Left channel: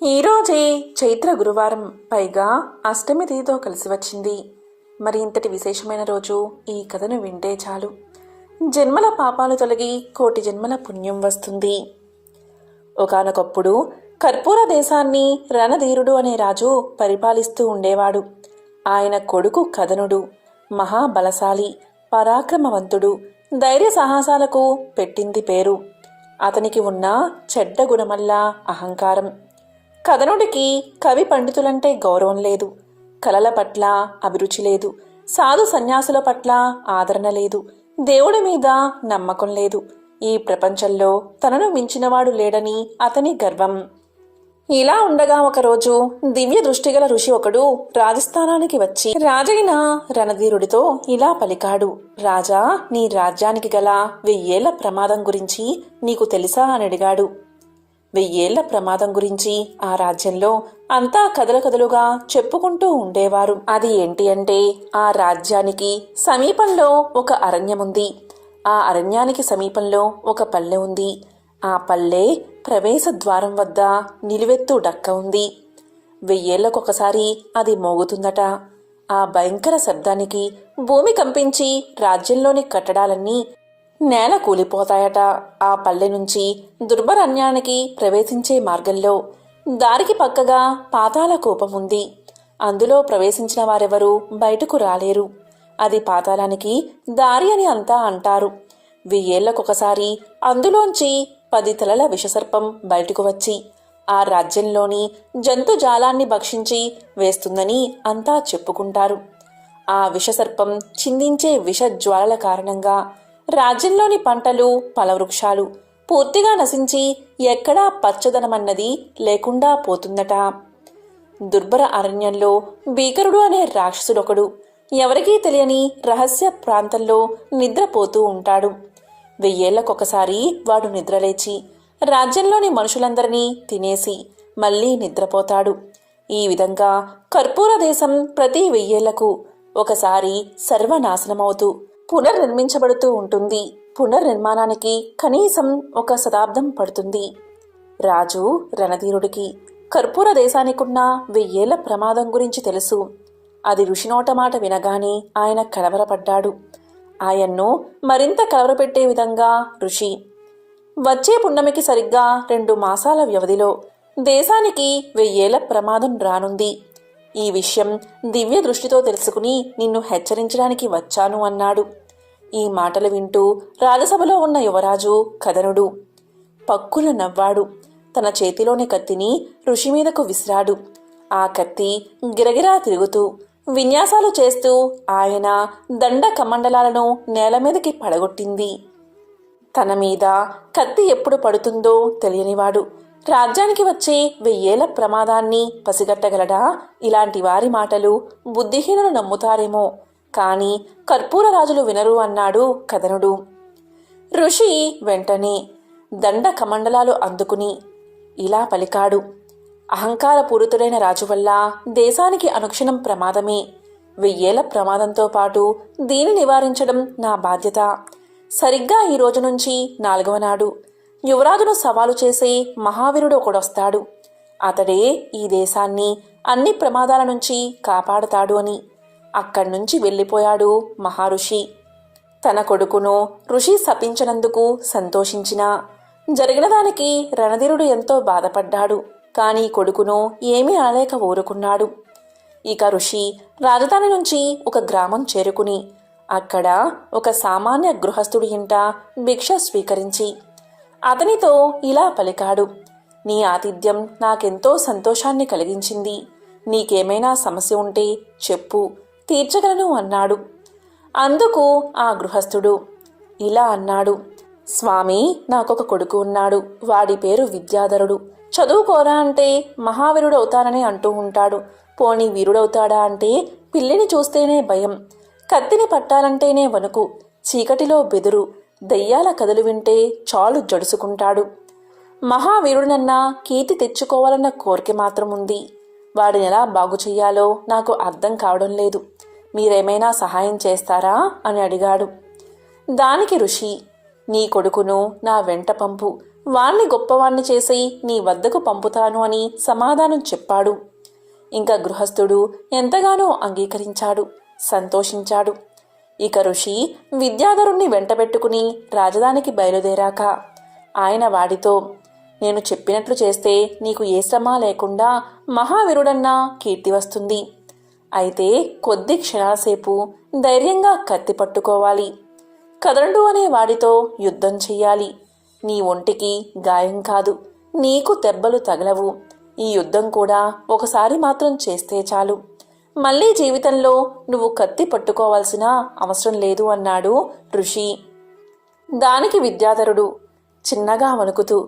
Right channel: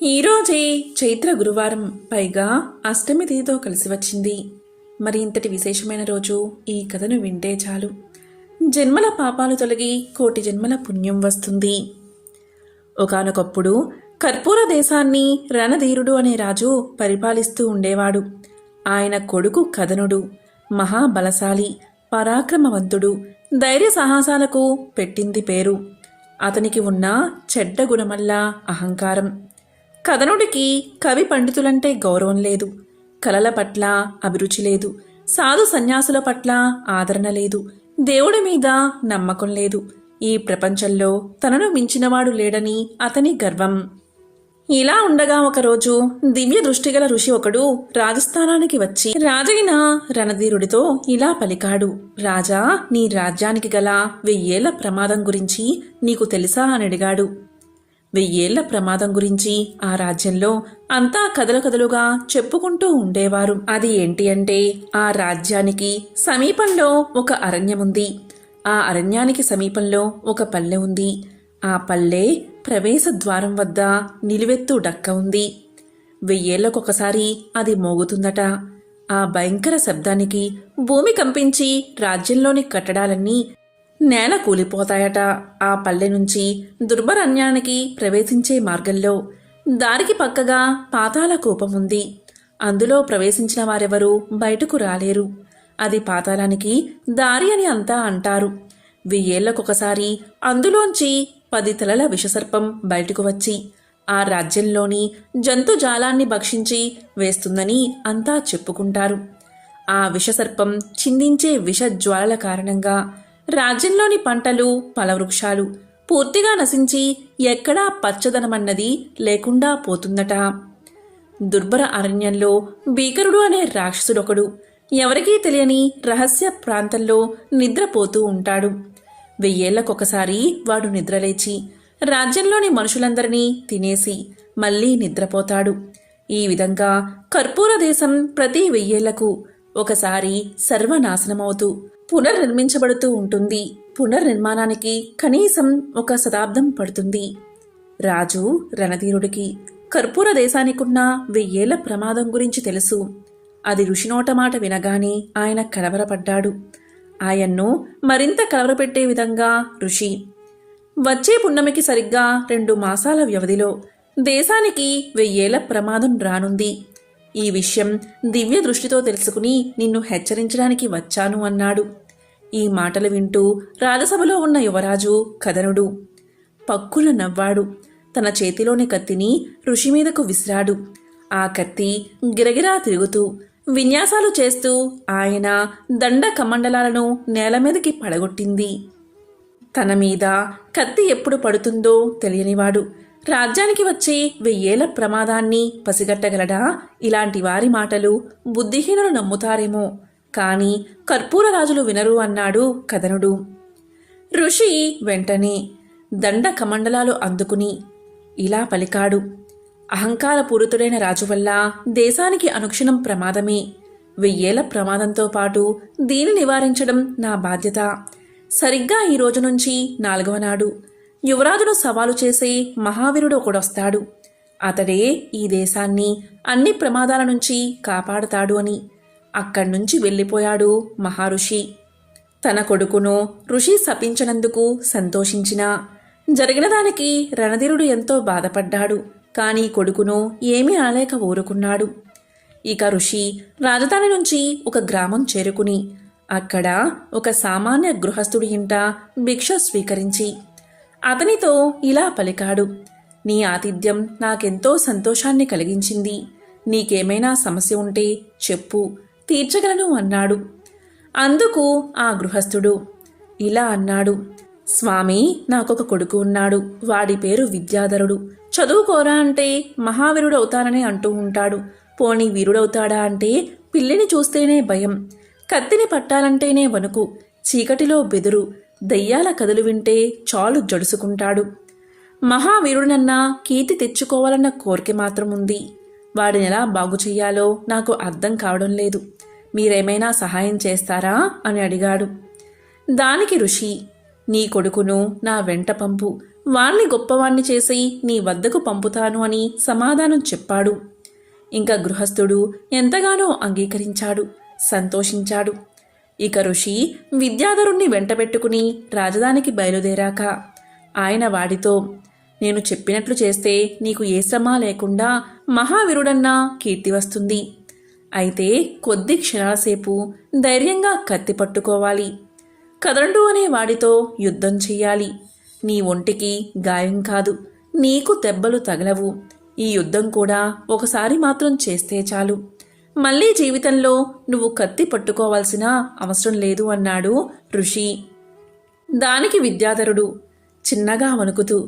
ఈరోజే చైత్ర గురువారం, పైగా అష్టమి తిథితో కలిసి వచ్చింది. మరి ఇంతటి విశేషమైన రోజు ఈ కథను వింటే చాలు. జన్మల పాపాలు తొలగి కోటి జన్మల పుణ్యం వస్తుంది. ఒకానొకప్పుడు కర్పూర దేశాన్ని రణధీరుడు అనే రాజు పరిపాలిస్తూ ఉండేవాడు. ఆయన కొడుకు కదనుడు మహాబలశాలి, పరాక్రమవంతుడు, ధైర్య సాహసాలకు పెట్టింది పేరు. అతనికి ఉన్న చెడ్డ గుణమల్లా అహంకారం. కథనుడికి కవి పండితులంటే గౌరవం లేదు, కళల పట్ల అభిరుచి లేదు, సాధు సన్యాసుల పట్ల ఆదరణ లేదు, దేవుడి మీద నమ్మకం లేదు. ఈ ప్రపంచంలో తనను మించినవాడు లేడని అతని గర్వం. ఇలా ఉండగా ఒకరోజు దివ్య దృష్టిగల ఋషి ఒకడు రాజస్థానానికి వచ్చి రాజైన రణధీరుడితో ఇలా పలికాడు. రాజా, నీ రాజ్యానికి గల 1000 ఏళ్ల ప్రమాదం గురించి నీకు తెలుసా అని అడిగాడు. 1000 ఏళ్ల ప్రమాదం గురించి ఆ రాజ్యంలో అంతా కదలుగా చెప్పుకుంటూ ఉండేవారు. అది ఏంటి అంటే, ఆ రాజ్యానికి సమీపంలో ఒక అరణ్యముంది. ఆ అరణ్యానికి సమీపంలో ఒక పల్లె ఉంది. ఆ పల్లె ప్రవేశ ద్వారం వద్ద నిలువెత్తు డక్క ఉంది. 1000 ఏళ్లకొకసారి అది మోగుతుందట. ఆ భయంకర శబ్దానికి భూమి కంపించి రాజ్యంలోని కట్టడాలన్నీ నేల కూలిపోతాయట. ఆ పల్లె నుంచి దుర్భరణ్యానికి ప్రవేశించే మార్గంలో దారికి పక్కగా పాతాళ కూపం ఉంది. అందులో ప్రవేశించిన వారెవరూ బయటకు రాలేరు. అది పాతాళానికి దారి అని అంతా అంటారు. 1000 ఏళ్లకొకసారి అందులోంచి 10 తలల విషసర్పం బయటకు వచ్చి ఆ రాజ్యంలోని జంతుజాలాన్ని భక్షించి వేస్తుందని అంతా చెప్పుకుంటారు. ఆ విషసర్పం చిందించే విషజ్వాలల కారణంగా రాజ్యంలోని పంటలు, ఫలవృక్షాలు పూర్తిగా నశించి ఎక్కడా పచ్చదనమన్నది లేకుండా పోతుందట. దుర్భర అరణ్యంలో భీకరుడు అనే రాక్షసుడొకడు ఎవరికీ తెలియని రహస్య ప్రాంతంలో నిద్రపోతూ ఉంటాడు. 1000 ఏళ్లకొకసారి వాడు నిద్రలేచి రాజ్యంలోని మనుషులందరినీ తినేసి మళ్లీ నిద్రపోతాడు. ఈ విధంగా కర్పూర దేశం ప్రతి 1000 ఏళ్లకు ఒకసారి సర్వనాశనమవుతూ పునర్నిర్మించబడుతూ ఉంటుంది. పునర్నిర్మాణానికి కనీసం 1 శతాబ్దం పడుతుంది. రాజు రణధీరుడికి కర్పూర దేశానికున్న 1000 ఏళ్ల ప్రమాదం గురించి తెలుసు. అది ఋషినోట మాట వినగానే ఆయన కలవరపడ్డాడు. ఆయన్ను మరింత కలవరపెట్టే విధంగా ఋషి, వచ్చే పున్నమికి సరిగ్గా 2 మాసాల వ్యవధిలో దేశానికి 1000 ఏళ్ల ప్రమాదం రానుంది. ఈ విషయం దివ్య దృష్టితో తెలుసుకుని నిన్ను హెచ్చరించడానికి వచ్చాను అన్నాడు. ఈ మాటలు వింటూ రాజసభలో ఉన్న యువరాజు కదనుడు పక్కున నవ్వాడు. తన చేతిలోని కత్తిని ఋషి మీదకు విసిరాడు. ఆ కత్తి గిరగిరా తిరుగుతూ విన్యాసాలు చేస్తూ ఆయన దండ కమండలాలను నేల మీదకి పడగొట్టింది. తన మీద కత్తి ఎప్పుడు పడుతుందో తెలియనివాడు రాజ్యానికి వచ్చే 1000 ఏళ్ల ప్రమాదాన్ని పసిగట్టగలడా? ఇలాంటి వారి మాటలు బుద్ధిహీనులు నమ్ముతారేమో, కాని కర్పూర రాజులు వినరు అన్నాడు కదనుడు. ఋషి వెంటనే దండ కమండలాలు అందుకుని ఇలా పలికాడు. అహంకారపూరితుడైన రాజు వల్ల దేశానికి అనుక్షణం ప్రమాదమే. 1000 ఏళ్ల ప్రమాదంతో పాటు దీన్ని నివారించడం నా బాధ్యత. సరిగ్గా ఈ రోజు నుంచి 4వ నాడు యువరాజును సవాలు చేసే మహావీరుడు ఒకడొస్తాడు. అతడే ఈ దేశాన్ని అన్ని ప్రమాదాల నుంచి కాపాడతాడు అని అక్కడ్నుంచి వెళ్ళిపోయాడు మహారుషి. తన కొడుకును ఋషి శపించినందుకు సంతోషించినా జరిగిన దానికి రణధీరుడు ఎంతో బాధపడ్డాడు. కానీ కొడుకును ఏమీ అనలేక ఊరుకున్నాడు. ఇక ఋషి రాజధాని నుంచి ఒక గ్రామం చేరుకుని అక్కడ ఒక సామాన్య గృహస్థుడి ఇంట భిక్ష స్వీకరించి అతనితో ఇలా పలికాడు. నీ ఆతిథ్యం నాకెంతో సంతోషాన్ని కలిగించింది. నీకేమైనా సమస్య ఉంటే చెప్పు, తీర్చగలను అన్నాడు. అందుకు ఆ గృహస్థుడు ఇలా అన్నాడు. స్వామి, నాకొక కొడుకు ఉన్నాడు. వాడి పేరు విద్యాధరుడు. చదువుకోరా అంటే మహావీరుడు అవుతానని అంటూ ఉంటాడు. పోనీ వీరుడవుతాడా అంటే పిల్లిని చూస్తేనే భయం, కత్తిని పట్టాలంటేనే వణుకు, చీకటిలో బెదురు, దయ్యాల కథలు వింటే చాలు జడుసుకుంటాడు. మహావీరుడినన్నా కీర్తి తెచ్చుకోవాలన్న కోరిక మాత్రం ఉంది. వాడిని ఎలా బాగు చెయ్యాలో నాకు అర్థం కావడం లేదు. మీరేమైనా సహాయం చేస్తారా అని అడిగాడు. దానికి ఋషి, నీ కొడుకును నా వెంట పంపు, వాణ్ణి గొప్పవాణ్ణి చేసి నీ వద్దకు పంపుతాను అని సమాధానం చెప్పాడు. ఇంకా గృహస్థుడు ఎంతగానో అంగీకరించాడు, సంతోషించాడు. ఇక ఋషి విద్యాధరుణ్ణి వెంటబెట్టుకుని రాజధానికి బయలుదేరాక ఆయన వాడితో, నేను చెప్పినట్లు చేస్తే నీకు ఏ శ్రమ లేకుండా మహావీరుడన్నా కీర్తి వస్తుంది. అయితే కొద్ది క్షణాలసేపు ధైర్యంగా కత్తి పట్టుకోవాలి. కదండు అనే వాడితో యుద్ధం చెయ్యాలి. నీ ఒంటికి గాయం కాదు, నీకు దెబ్బలు తగలవు. ఈ యుద్ధం కూడా ఒకసారి మాత్రం చేస్తే చాలు. మళ్ళీ జీవితంలో నువ్వు కత్తి పట్టుకోవాల్సిన అవసరం లేదు అన్నాడు ఋషి. దానికి విద్యాధరుడు చిన్నగా వణుకుతూ,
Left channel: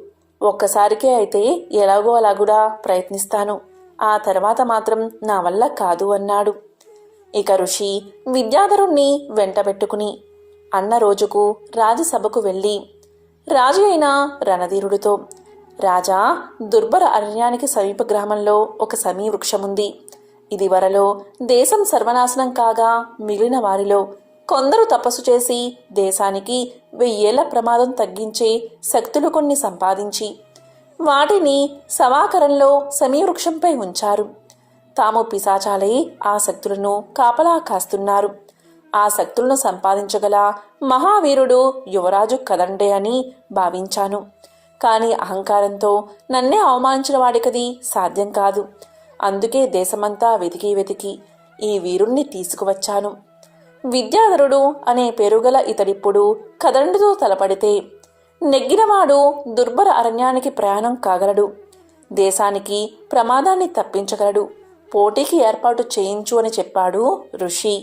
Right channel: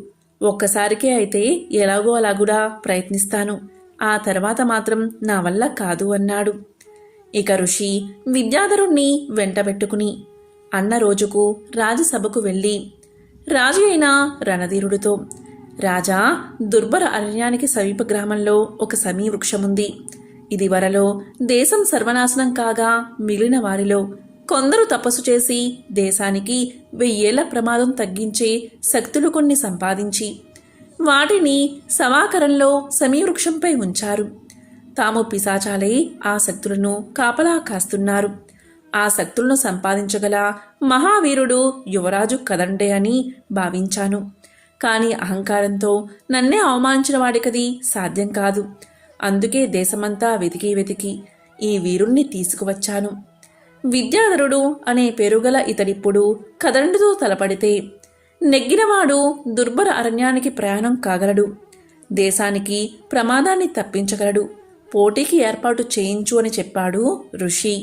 ఒక్కసారికే అయితే ఎలాగో అలాగుడా ప్రయత్నిస్తాను, ఆ తర్వాత మాత్రం నా వల్ల కాదు అన్నాడు. ఇక ఋషి విద్యాధరుణ్ణి వెంటబెట్టుకుని అన్న రోజుకు రాజసభకు వెళ్ళి రాజు అయిన రణధీరుడితో, రాజా, దుర్భర అరణ్యానికి సమీప గ్రామంలో ఒక సమీ వృక్షముంది. ఇది వరలో దేశం సర్వనాశనం కాగా మిగిలిన వారిలో కొందరు తపస్సు చేసి దేశానికి 1000 ఏళ్ల ప్రమాదం తగ్గించే శక్తులు కొన్ని సంపాదించి వాటిని సమాకరంలో సమీవృక్షంపై ఉంచారు. తాము పిశాచాలై ఆ శక్తులను కాపలా కాస్తున్నారు. ఆ శక్తులను సంపాదించగల మహావీరుడు యువరాజు కదండే అని భావించాను. కానీ అహంకారంతో నన్నే అవమానించిన వాడికది సాధ్యం కాదు. అందుకే దేశమంతా వెతికి ఈ వీరుణ్ణి తీసుకువచ్చాను. విద్యాధరుడు అనే పేరుగల ఇతడిప్పుడు కదండుతో తలపడితే నెగ్గినవాడు దుర్భర అరణ్యానికి ప్రయాణం కాగలడు, దేశానికి ప్రమాదాన్ని తప్పించగలడు. పోటీకి ఏర్పాటు చేయించు అని చెప్పాడు ఋషి.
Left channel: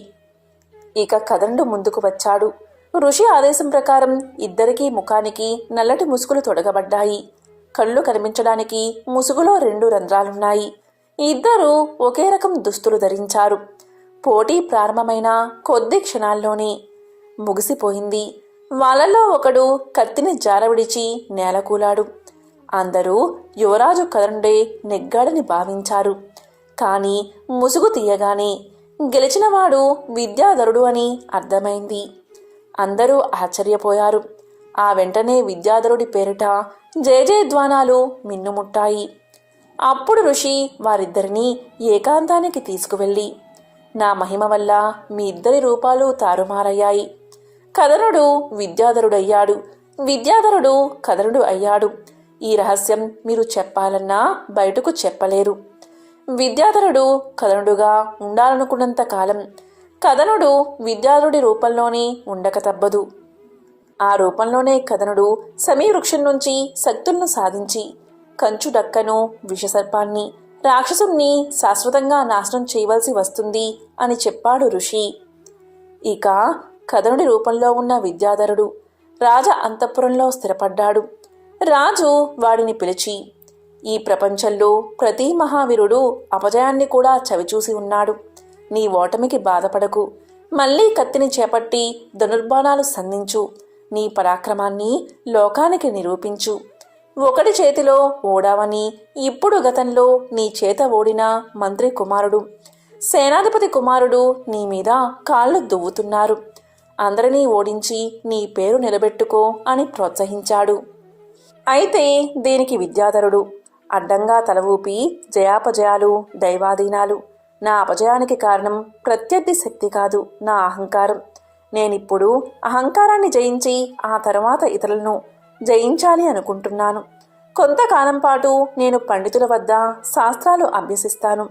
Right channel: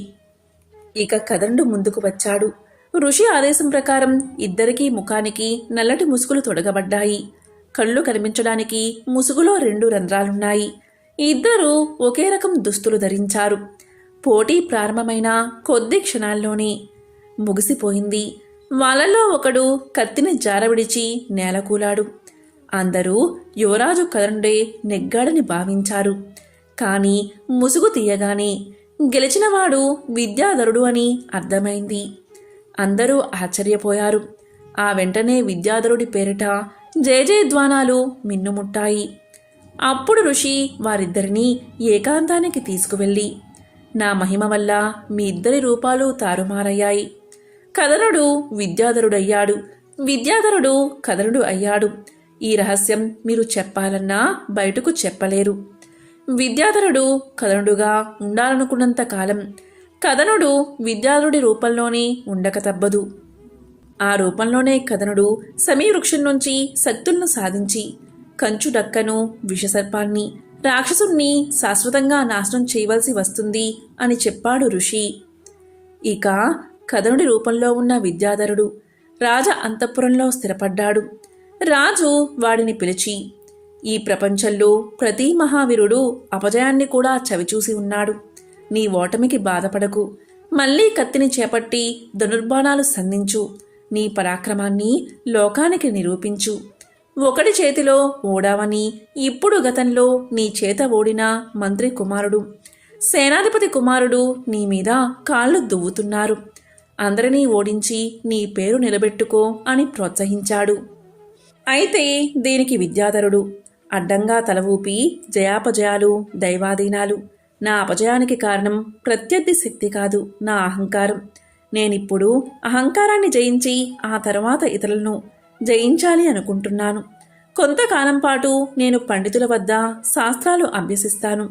ఇక కదండు ముందుకు వచ్చాడు. ఋషి ఆదేశం ప్రకారం ఇద్దరికీ ముఖానికి నల్లటి ముసుగులు తొడగబడ్డాయి. కళ్ళు కనిపించడానికి ముసుగులో 2 రంధ్రాలున్నాయి. ఇద్దరూ ఒకే రకం దుస్తులు ధరించారు. పోటీ ప్రారంభమైన కొద్ది క్షణాల్లోనే ముగిసిపోయింది. వాళ్ళలో ఒకడు కత్తిని జారవిడిచి నేలకూలాడు. అందరూ యువరాజు కదండే నెగ్గాడని భావించారు. కానీ ముసుగు తీయగానే గెలిచినవాడు విద్యాధరుడు అని అర్థమైంది. అందరూ ఆశ్చర్యపోయారు. ఆ వెంటనే విద్యాధరుడి పేరిట జయజయధ్వానాలు మిన్నుముట్టాయి. అప్పుడు ఋషి వారిద్దరినీ ఏకాంతానికి తీసుకువెళ్ళి, నా మహిమ వల్ల మీ ఇద్దరి రూపాలు తారుమారయ్యాయి. కదనుడు విద్యాధరుడయ్యాడు, విద్యాధరుడు కదనుడు అయ్యాడు. ఈ రహస్యం మీరు చెప్పాలన్నా బయటకు చెప్పలేరు. విద్యాధరుడు కదనుడుగా ఉండాలనుకున్నంత కాలం కదనుడు విద్యాధరుడి రూపంలోనే ఉండక తప్పదు. ఆ రూపంలోనే కదనుడు సమీవృక్షం నుంచి శక్తులను సాధించి కంచు డక్కను, విషసర్పాన్ని, రాక్షసుణ్ణి శాశ్వతంగా నాశనం చేయవలసి వస్తుంది అని చెప్పాడు ఋషి. ఇక కదనుడి రూపంలో ఉన్న విద్యాధరుడు రాజ అంతఃపురంలో స్థిరపడ్డాడు. రాజు వాడిని పిలిచి, ఈ ప్రపంచంలో ప్రతి మహావీరుడు అపజయాన్ని కూడా చవిచూసి ఉన్నాడు. నీ ఓటమికి బాధపడకు. మళ్లీ కత్తిని చేపట్టి ధనుర్బాణాలు సంధించు. నీ పరాక్రమాన్ని లోకానికి నిరూపించు. ఒకడి చేతిలో ఓడావని ఇప్పుడు గతంలో నీ చేత ఓడిన మంత్రి కుమారుడు, సేనాధిపతి కుమారుడు నీ మీద కాళ్ళు దువ్వుతున్నారు. అందరినీ ఓడించి నీ పేరు నిలబెట్టుకో అని ప్రోత్సహించాడు. అయితే దీనికి విద్యాధరుడు అడ్డంగా తల ఊపి, జయాపజయాలు దైవాధీనాలు. నా అపజయానికి కారణం ప్రత్యర్థి శక్తి కాదు, నా అహంకారం. నేనిప్పుడు అహంకారాన్ని జయించి ఆ తర్వాత ఇతరులను జయించాలి అనుకుంటున్నాను. కొంతకాలం పాటు నేను పండితుల వద్ద శాస్త్రాలు అభ్యసిస్తాను,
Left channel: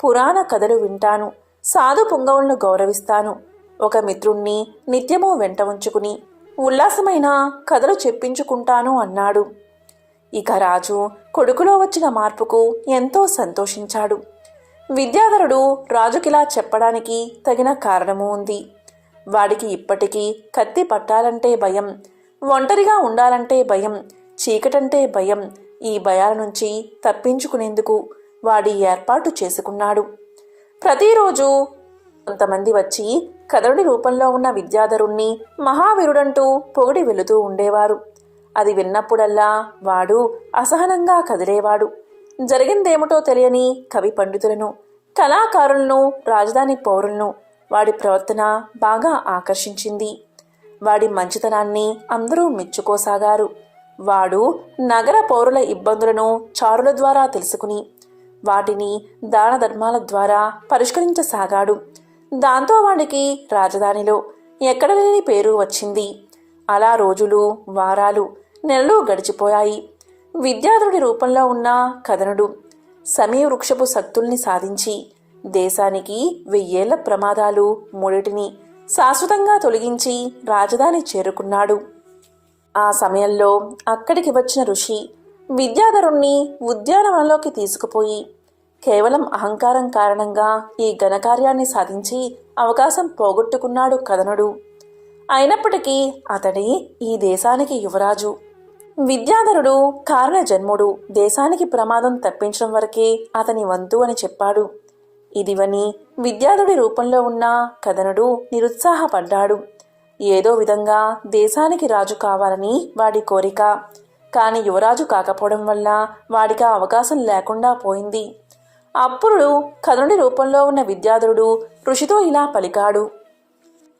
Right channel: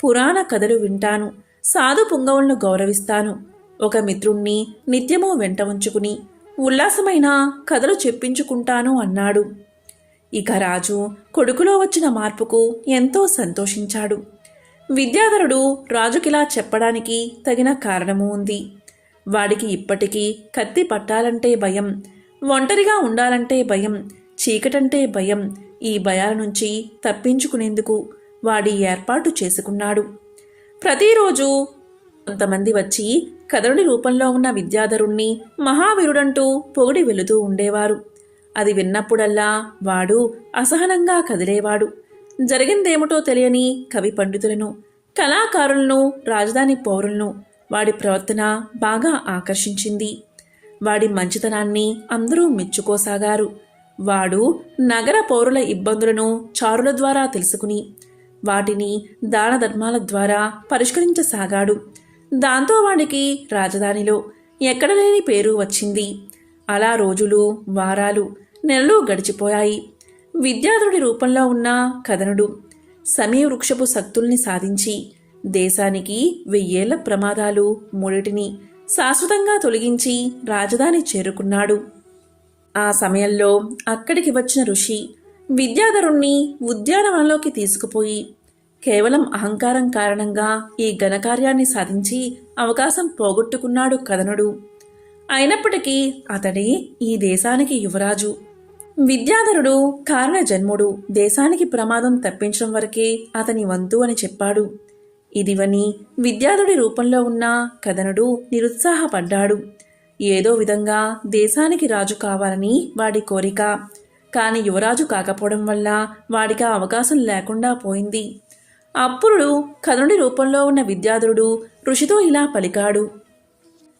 పురాణ కథలు వింటాను, సాధు పుంగవులను గౌరవిస్తాను. ఒక మిత్రుణ్ణి నిత్యము వెంట ఉంచుకుని ఉల్లాసమైన కథలు చెప్పించుకుంటాను అన్నాడు. ఇక రాజు కొడుకులో వచ్చిన మార్పుకు ఎంతో సంతోషించాడు. విద్యాధరుడు రాజుకిలా చెప్పడానికి తగిన కారణము ఉంది. వాడికి ఇప్పటికీ కత్తి పట్టాలంటే భయం, ఒంటరిగా ఉండాలంటే భయం, చీకటంటే భయం. ఈ భయాల నుంచి తప్పించుకునేందుకు వాడి ఏర్పాటు చేసుకున్నాడు. ప్రతిరోజు కొంతమంది వచ్చి కదరుడి రూపంలో ఉన్న విద్యాధరుణ్ణి మహావీరుడంటూ పొగిడి వెళుతూ ఉండేవారు. అది విన్నప్పుడల్లా వాడు అసహనంగా కదిలేవాడు. జరిగిందేమిటో తెలియని కవి పండితులను, కళాకారులను, రాజధాని పౌరులను వాడి ప్రవర్తన బాగా ఆకర్షించింది. వాడి మంచితనాన్ని అందరూ మెచ్చుకోసాగారు. వాడు నగర పౌరుల ఇబ్బందులను చారుల ద్వారా తెలుసుకుని వాటిని దాన ధర్మాల ద్వారా పరిష్కరించసాగాడు. దాంతో వాడికి రాజధానిలో ఎక్కడలేని పేరు వచ్చింది. అలా రోజులు, వారాలు, నెలలు గడిచిపోయాయి. విద్యాధరుడి రూపంలో ఉన్న కథనుడు సమీవృక్షపు శక్తుల్ని సాధించి దేశానికి 1000 ఏళ్ల ప్రమాదాలు మూడిటిని శాశ్వతంగా తొలగించి రాజధాని చేరుకున్నాడు. ఆ సమయంలో అక్కడికి వచ్చిన ఋషి విద్యాధరుణ్ణి ఉద్యానవనంలోకి తీసుకుపోయి కేవలం అహంకారం కారణంగా ఈ ఘనకార్యాన్ని సాధించి అవకాశం పోగొట్టుకున్నాడు కథనుడు. అయినప్పటికీ అతడే ఈ దేశానికి యువరాజు. విద్యాధరుడు కారణ జన్ముడు, దేశానికి ప్రమాదం తప్పించడం వరకే అతని వంతు అని చెప్పాడు. ఇది విని విద్యాధరుడి రూపంలో ఉన్న కథనుడు నిరుత్సాహపడ్డాడు. ఏదో విధంగా దేశానికి రాజు కావాలని వాడి కోరిక. కాని యువరాజు కాకపోవడం వల్ల వాడికి ఆ అవకాశం లేకుండా పోయింది. అప్పుడు కథనుడి రూపంలో ఉన్న విద్యాధరుడు ఋషితో ఇలా పలికాడు:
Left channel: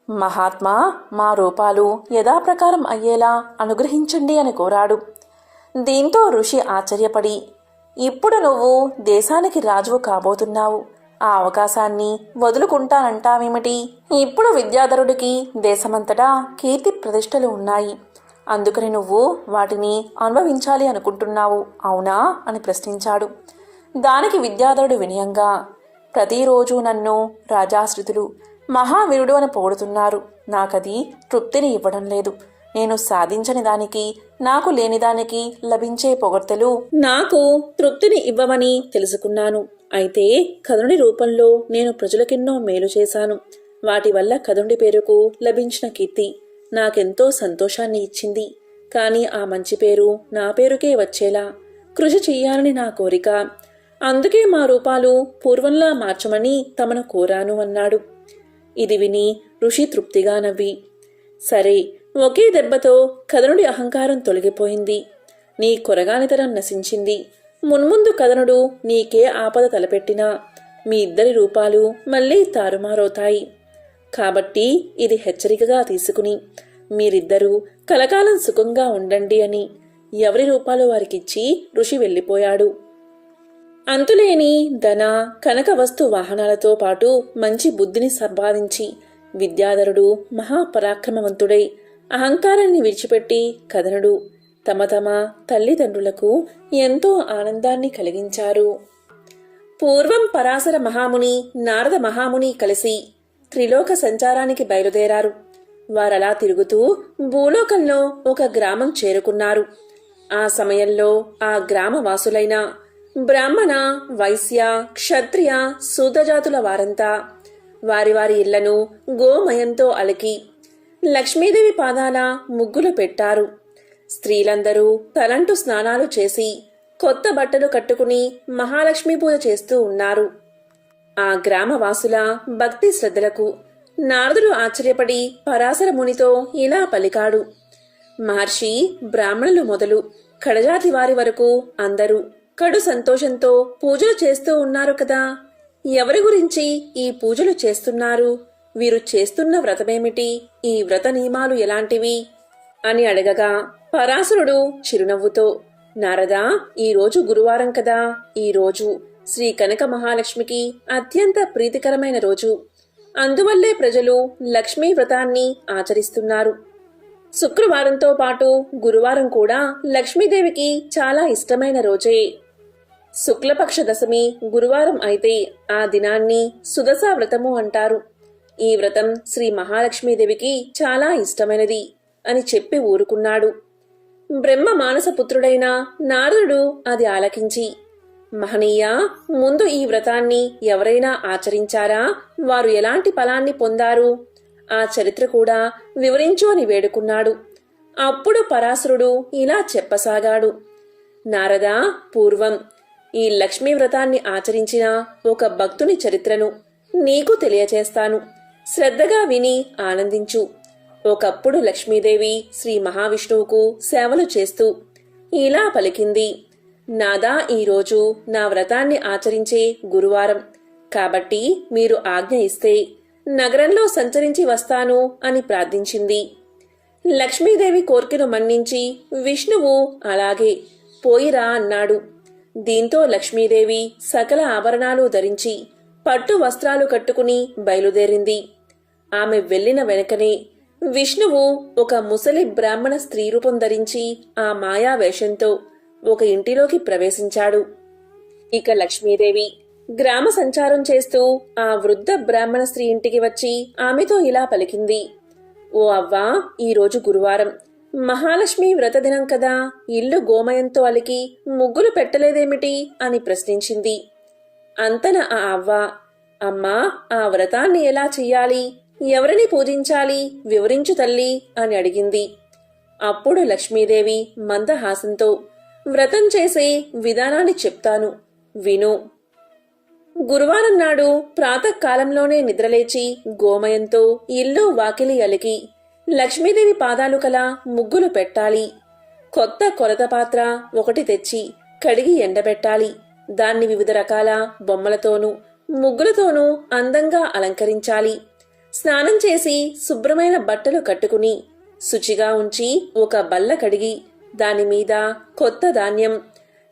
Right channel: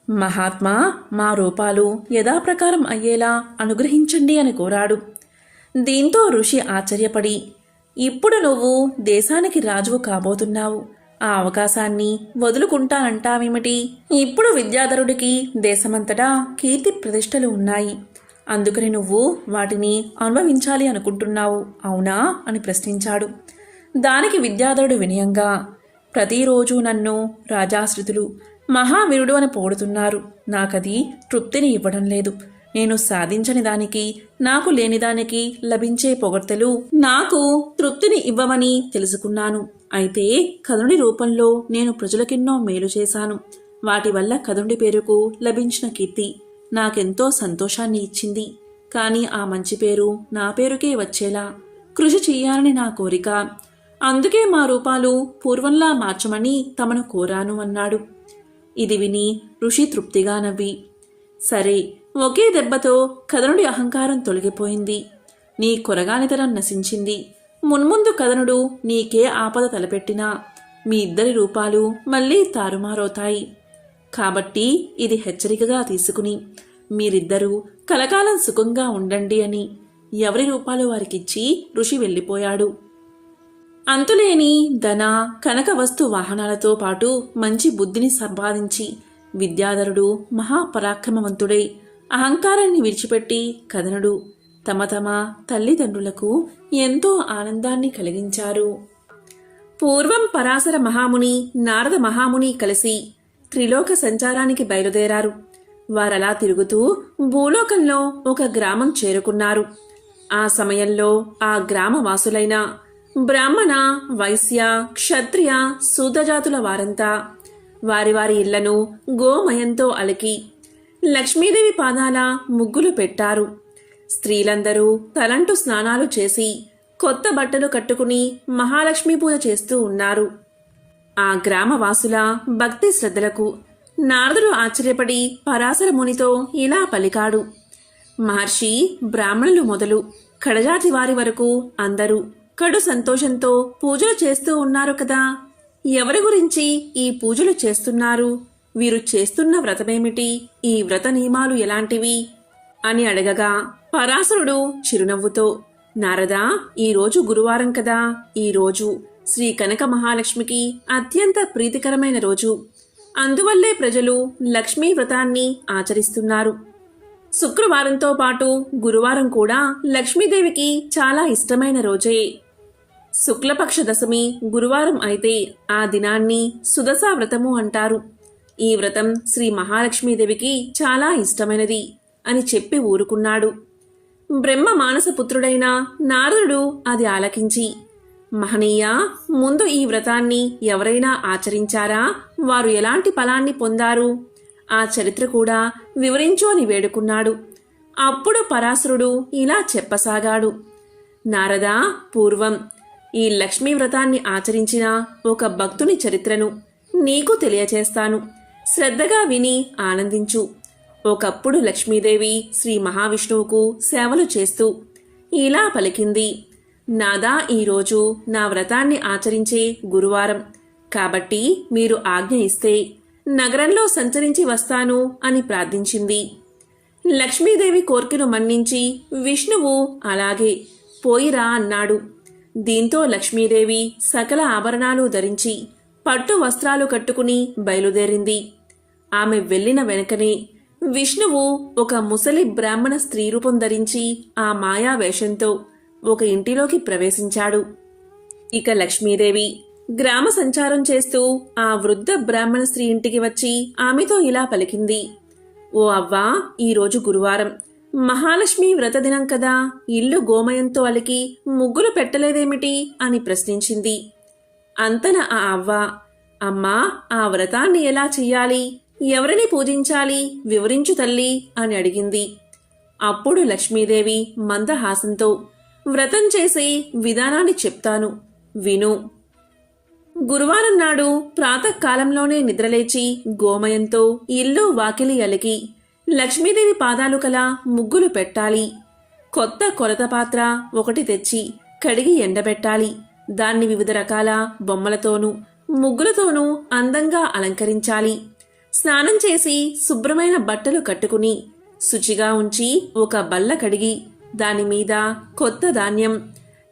మహాత్మా, మా రూపాలు యథాప్రకారం అయ్యేలా అనుగ్రహించండి అని కోరాడు. దీంతో ఋషి ఆశ్చర్యపడి, ఇప్పుడు నువ్వు దేశానికి రాజువు కాబోతున్నావు, ఆ అవకాశాన్ని వదులుకుంటానంటావేమిటి? ఇప్పుడు విద్యాధరుడికి దేశమంతటా కీర్తి ప్రతిష్టలు ఉన్నాయి, అందుకని నువ్వు వాటిని అనుభవించాలి అనుకుంటున్నావు, అవునా అని ప్రశ్నించాడు. దానికి విద్యాధరుడు వినయంగా, ప్రతిరోజు నన్ను రాజాశ్రితులు మహావీరుడు అని పొగుడుతున్నారు, నాకది తృప్తిని ఇవ్వడం లేదు. నేను సాధించని దానికి, నాకు లేని దానికి లభించే పొగడ్తలు నాకు తృప్తిని ఇవ్వవని తెలుసుకున్నాను. అయితే కథనుడి రూపంలో నేను ప్రజలకెన్నో మేలు చేశాను. వాటి వల్ల కథనుడి పేరుకు లభించిన కీర్తి నాకెంతో సంతోషాన్ని ఇచ్చింది. కానీ ఆ మంచి పేరు నా పేరుకే వచ్చేలా కృషి చెయ్యాలని నా కోరిక. అందుకే మా రూపాలు పూర్వంలా మార్చమని తమను కోరాను అన్నాడు. ఇది విని ఋషి తృప్తిగా నవ్వి, సరే, ఒకే దెబ్బతో కథనుడి అహంకారం తొలగిపోయింది, నీ కొరగానితనం నశించింది. మున్ముందు కథనుడు నీకే ఆపద తలపెట్టినా మీ ఇద్దరి రూపాలు మళ్ళీ తారుమారవుతాయి. కాబట్టి ఇది హెచ్చరికగా తీసుకుని మీరిద్దరూ కలకాలం సుఖంగా ఉండండి అని ఎవరి రూపాలు వారికిచ్చి ఋషి వెళ్ళిపోయాడు. అంతులేని ధన కనక వస్తు వాహనాలతో పాటు మంచి బుద్ధిని సంపాదించి విద్యాధరుడు మహాపరాక్రమవంతుడై అహంకారాన్ని విడిచిపెట్టి కథనుడు తమ తల్లిదండ్రులకు ఎంతో ఆనందాన్ని కలిగించారు. పూర్వం పరాశర మహాముని, నారద మహాముని కలిసి త్రిలోక సంచారానికి బయలుదేరారు. వారలా తిరుగుతూ భూలోకంలో ఒక గ్రామం చేరుకున్నారు. ఆ సమయంలో ఆ గ్రామవాసులైన బ్రాహ్మణ, వైశ్య, క్షత్రియ, శూద్రజాతుల వారంతా వారి వారి ఇళ్లను గోమయంతో అలికి లక్ష్మీదేవి పాదాల ముగ్గులు పెట్టారు. స్త్రీలందరూ తలంటు స్నానాలు చేసి కొత్త బట్టలు కట్టుకుని మహాలక్ష్మీ పూజ చేస్తూ ఉన్నారు. ఆ గ్రామవాసుల భక్తి శ్రద్ధలకు నారదుడు ఆశ్చర్యపడి పరాశర మునితో ఇలా పలికాడు: మహర్షి, బ్రాహ్మణులు మొదలు కడజాతి వారి వరకు అందరూ కడు సంతోషంతో పూజలు చేస్తూ ఉన్నారు కదా. ఎవరి గురించి ఈ పూజలు చేస్తున్నారు? వీరు చేస్తున్న వ్రతమేమిటి? ఈ వ్రత నియమాలు ఎలాంటివి అని అడగగా పరాశరుడు చిరునవ్వుతో, నారదా, ఈరోజు గురువారం కదా. ఈరోజు శ్రీ కనక మహాలక్ష్మికి అత్యంత ప్రీతికరమైన రోజు. అందువల్లే ప్రజలు లక్ష్మీ వ్రతాన్ని ఆచరిస్తున్నారు. శుక్రవారంతో పాటు గురువారం కూడా లక్ష్మీదేవికి చాలా ఇష్టమైన రోజే. శుక్లపక్ష దశమి గురువారం అయితే ఆ దినాన్ని సుదశా వ్రతము అంటారు. ఈ వ్రతం శ్రీ మహాలక్ష్మీదేవికి చాలా ఇష్టమైనది అని చెప్పి ఊరుకున్నాడు. బ్రహ్మ మానసపుత్రుడైన నారదుడు అది ఆలకించి, మహనీయ, ముందు ఈ వ్రతాన్ని ఎవరైనా ఆచరించారా? వారు ఎలాంటి ఫలాన్ని పొందారు? ఆ చరిత్ర కూడా వివరించు అని వేడుకున్నాడు. అప్పుడు పరాశరుడు ఇలా చెప్పసాగాడు: నారదా, పూర్వం ఈ లక్ష్మీ వ్రతాన్ని ఆచరించిన ఒక భక్తుని చరిత్రను నీకు తెలియచేస్తాను. శ్రద్ధగా విని ఆనందించు. ఒకప్పుడు లక్ష్మీదేవి శ్రీ మహావిష్ణువుకు సేవలు చేస్తూ ఇలా పలికింది: నాదా, ఈరోజు నా వ్రతాన్ని ఆచరించే గురువారం కాబట్టి మీరు ఆజ్ఞ ఇస్తే నగరంలో సంచరించి వస్తాను అని ప్రార్థించింది. లక్ష్మీదేవి కోర్కెను మన్నించి విష్ణువు అలాగే పోయిరా అన్నాడు. దీంతో లక్ష్మీదేవి సకల ఆభరణాలు ధరించి పట్టు వస్త్రాలు కట్టుకుని బయలుదేరింది. ఆమె వెళ్లిన వెనకనే విష్ణువు ఒక ముసలి బ్రాహ్మణ స్త్రీ రూపం ధరించి ఆ మాయా వేషంతో ఒక ఇంటిలోకి ప్రవేశించాడు. ఇక లక్ష్మీదేవి గ్రామ సంచారం చేస్తూ ఆ వృద్ధ బ్రాహ్మణ స్త్రీ ఇంటికి వచ్చి ఆమెతో ఇలా పలికింది. ఓ అవ్వా, ఈరోజు గురువారం, మహాలక్ష్మి వ్రతదినం కదా, ఇల్లు గోమయంతో అలికి ముగ్గులు పెట్టలేదేమిటి అని ప్రశ్నించింది. అంతన ఆ అవ్వ, అమ్మా, ఆ వ్రతాన్ని ఎలా చెయ్యాలి, ఎవరిని పూజించాలి వివరించు తల్లి అని అడిగింది. అప్పుడు లక్ష్మీదేవి మందహాసంతో, వ్రతం చేసే విధానాన్ని చెప్తాను, విను. గురువారం నాడు ప్రాతకాలంలోనే నిద్రలేచి గోమయంతో ఇల్లు వాకిలి అలికి లక్ష్మీదేవి పాదాలు కల ముగ్గులు పెట్టాలి. కొత్త కొలత పాత్ర ఒకటి తెచ్చి కడిగి ఎండబెట్టాలి. దాన్ని వివిధ రకాల బొమ్మలతోనూ ముగ్గులతోనూ అందంగా అలంకరించాలి. స్నానం చేసి శుభ్రమైన బట్టలు కట్టుకుని శుచిగా ఉంచి ఒక బల్ల కడిగి దానిమీద కొత్త ధాన్యం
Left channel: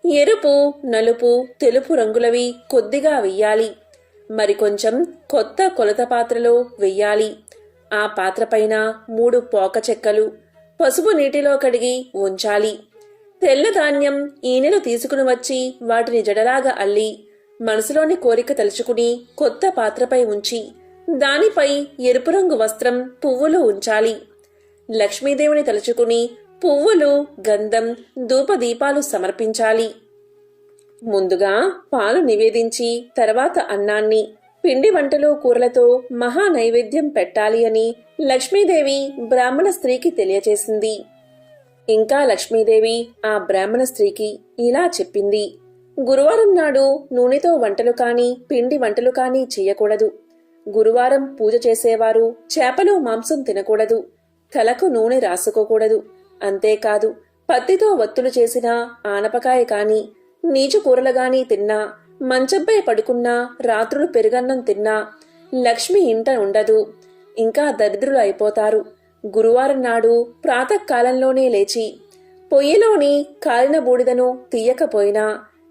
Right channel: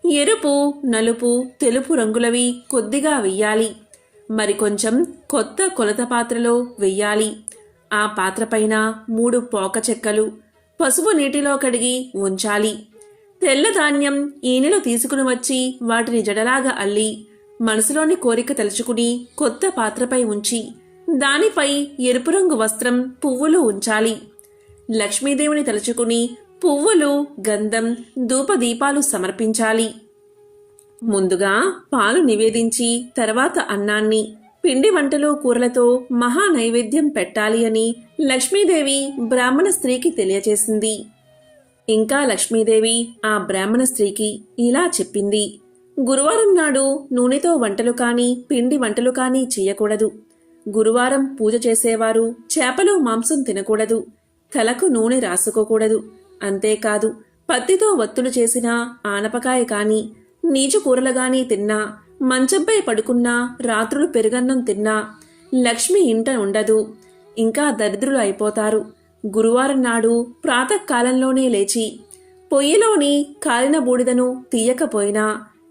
ఎరుపు, నలుపు, తెలుపు రంగులవి కొద్దిగా వెయ్యాలి. మరికొంచెం కొత్త కొలత పాత్రలో వెయ్యాలి. ఆ పాత్రపైన 3 పోక చెక్కలు పసుపు నీటిలో కడిగి ఉంచాలి. తెల్ల ధాన్యం ఈనెలు తీసుకుని వచ్చి వాటిని జడలాగా అల్లి మనసులోని కోరిక తలుచుకుని కొత్త పాత్రపై ఉంచి దానిపై ఎరుపు రంగు వస్త్రం, పువ్వులు ఉంచాలి. లక్ష్మీదేవిని తలుచుకుని పువ్వులు, గంధం, ధూపదీపాలు సమర్పించాలి. ముందుగా పాలు నివేదించి తర్వాత అన్నాన్ని, పిండి వంటలు, కూరలతో మహా నైవేద్యం పెట్టాలి అని లక్ష్మీదేవి బ్రాహ్మణ స్త్రీకి తెలియచేసింది. ఇంకా లక్ష్మీదేవి ఆ బ్రాహ్మణ స్త్రీకి ఇలా చెప్పింది. గురువారం నాడు నూనెతో వంటలు కాని పిండి వంటలు కాని చెయ్యకూడదు. గురువారం పూజ చేసేవారు చేపలు, మాంసం తినకూడదు. తలకు నూనె రాసుకోకూడదు. అంతేకాదు, పత్తితో వత్తులు చేసిన ఆనపకాయ కాని నీచు కూరలు గాని తిన్నా, మంచంపై పడుకున్నా, రాత్రులు పెరుగన్నం తిన్నా లక్ష్మి ఇంట ఉండదు. ఇంకా దరిద్రులు అయిపోతారు. గురువారం నాడు ప్రాతకాలంలోనే లేచి పొయ్యిలోని కాలిన బూడిదను తీయకపోయినా,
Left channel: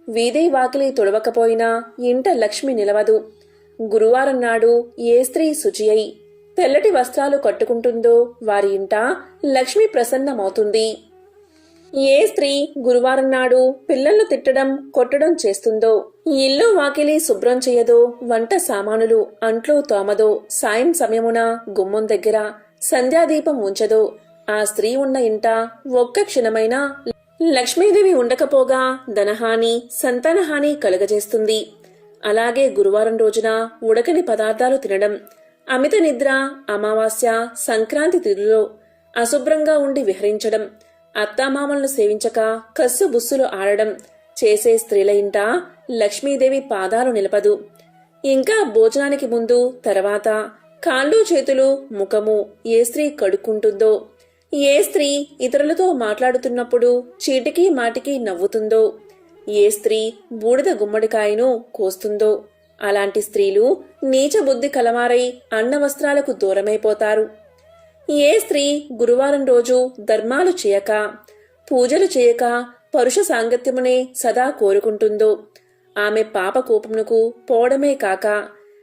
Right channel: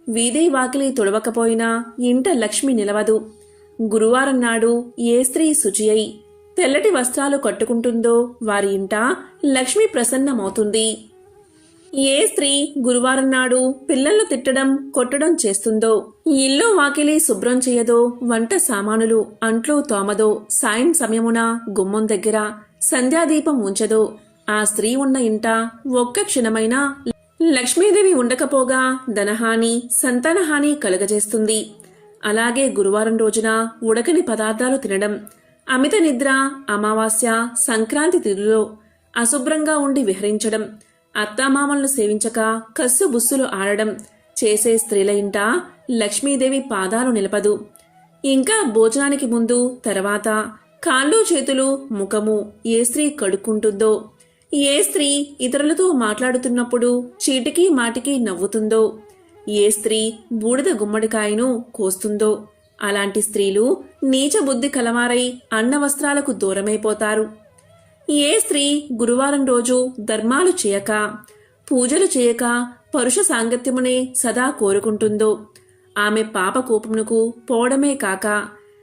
వీధి వాకిలి తుడవకపోయినా ఇంట లక్ష్మి నిలవదు. గురువారం నాడు ఏ స్త్రీ శుచి అయి తెల్లటి వస్త్రాలు కట్టుకుంటుందో వారి ఇంట లక్ష్మి ప్రసన్నమవుతుంది. ఏ స్త్రీ గురువారం నాడు పిల్లలను తిట్టడం, కొట్టడం చేస్తుందో, ఇల్లు వాకిలి శుభ్రం చేయదో, వంట సామానులు అంట్లు తోమదో, సాయం సమయమున గుమ్మం దగ్గర సంధ్యాదీపం ఉంచదో, ఆ స్త్రీ ఉన్న ఇంట ఒక్క క్షణమైనా లక్ష్మీదేవి ఉండకపోగా ధనహాని, సంతానహాని కలుగజేస్తుంది. అలాగే గురువారం రోజున ఉడకని పదార్థాలు తినడం, అమిత నిద్ర, అమావాస్య, సంక్రాంతి తిథిలో అశుభ్రంగా ఉండి విహరించడం, అత్తామామలను సేవించక కస్సు బుస్సులు ఆడడం చేసే స్త్రీల ఇంట లక్ష్మీదేవి పాదాలు నిలపదు. ఇంకా భోజనానికి ముందు, తర్వాత కాళ్ళు, చేతులు, ముఖము ఏ స్త్రీ కడుక్కుంటుందో, ఏ స్త్రీ ఇతరులతో మాట్లాడుతున్నప్పుడు చీటికి మాటికి నవ్వుతుందో, ఏ స్త్రీ బూడిద గుమ్మడికాయను కోస్తుందో, అలాంటి స్త్రీలు నీచ బుద్ధి కలవారై అన్న వస్త్రాలకు దూరమైపోతారు. ఏ స్త్రీ గురువారం రోజు ధర్మాలు చేయక, పూజలు చేయక పరుష సాంగత్యమునే సదా కోరుకుంటుందో, ఆమె పాప కోపమునకు పోవడమే కాక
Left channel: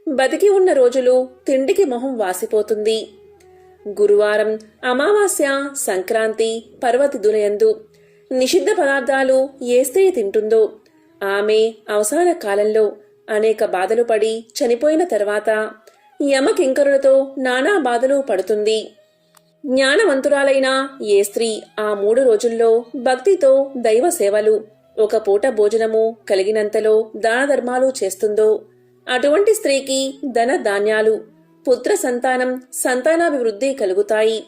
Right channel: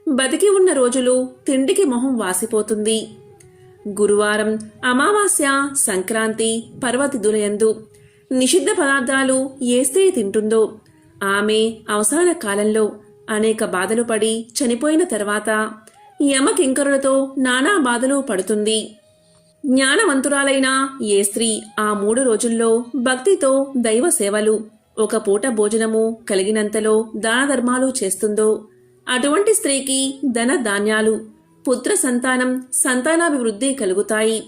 బతికి ఉన్న రోజులు తిండికి మొహం వాసిపోతుంది. గురువారం, అమావాస్య, సంక్రాంతి, పర్వతిథులయందు నిషిద్ధ పదార్థాలు ఏ స్త్రీ తింటుందో ఆమె అవసాన కాలంలో అనేక బాధలు పడి చనిపోయిన తర్వాత యమకింకరులతో నానా బాధలు పడుతుంది. జ్ఞానవంతురాలైన ఏ స్త్రీ ఆ 3 రోజుల్లో భక్తితో దైవ సేవలు, ఒక పూట భోజనము కలిగినంతలో దాన ధర్మాలు చేస్తుందో అటువంటి స్త్రీకి ధన ధాన్యాలు, పుత్ర సంతానం, సంతానాభివృద్ధి కలుగుతాయి.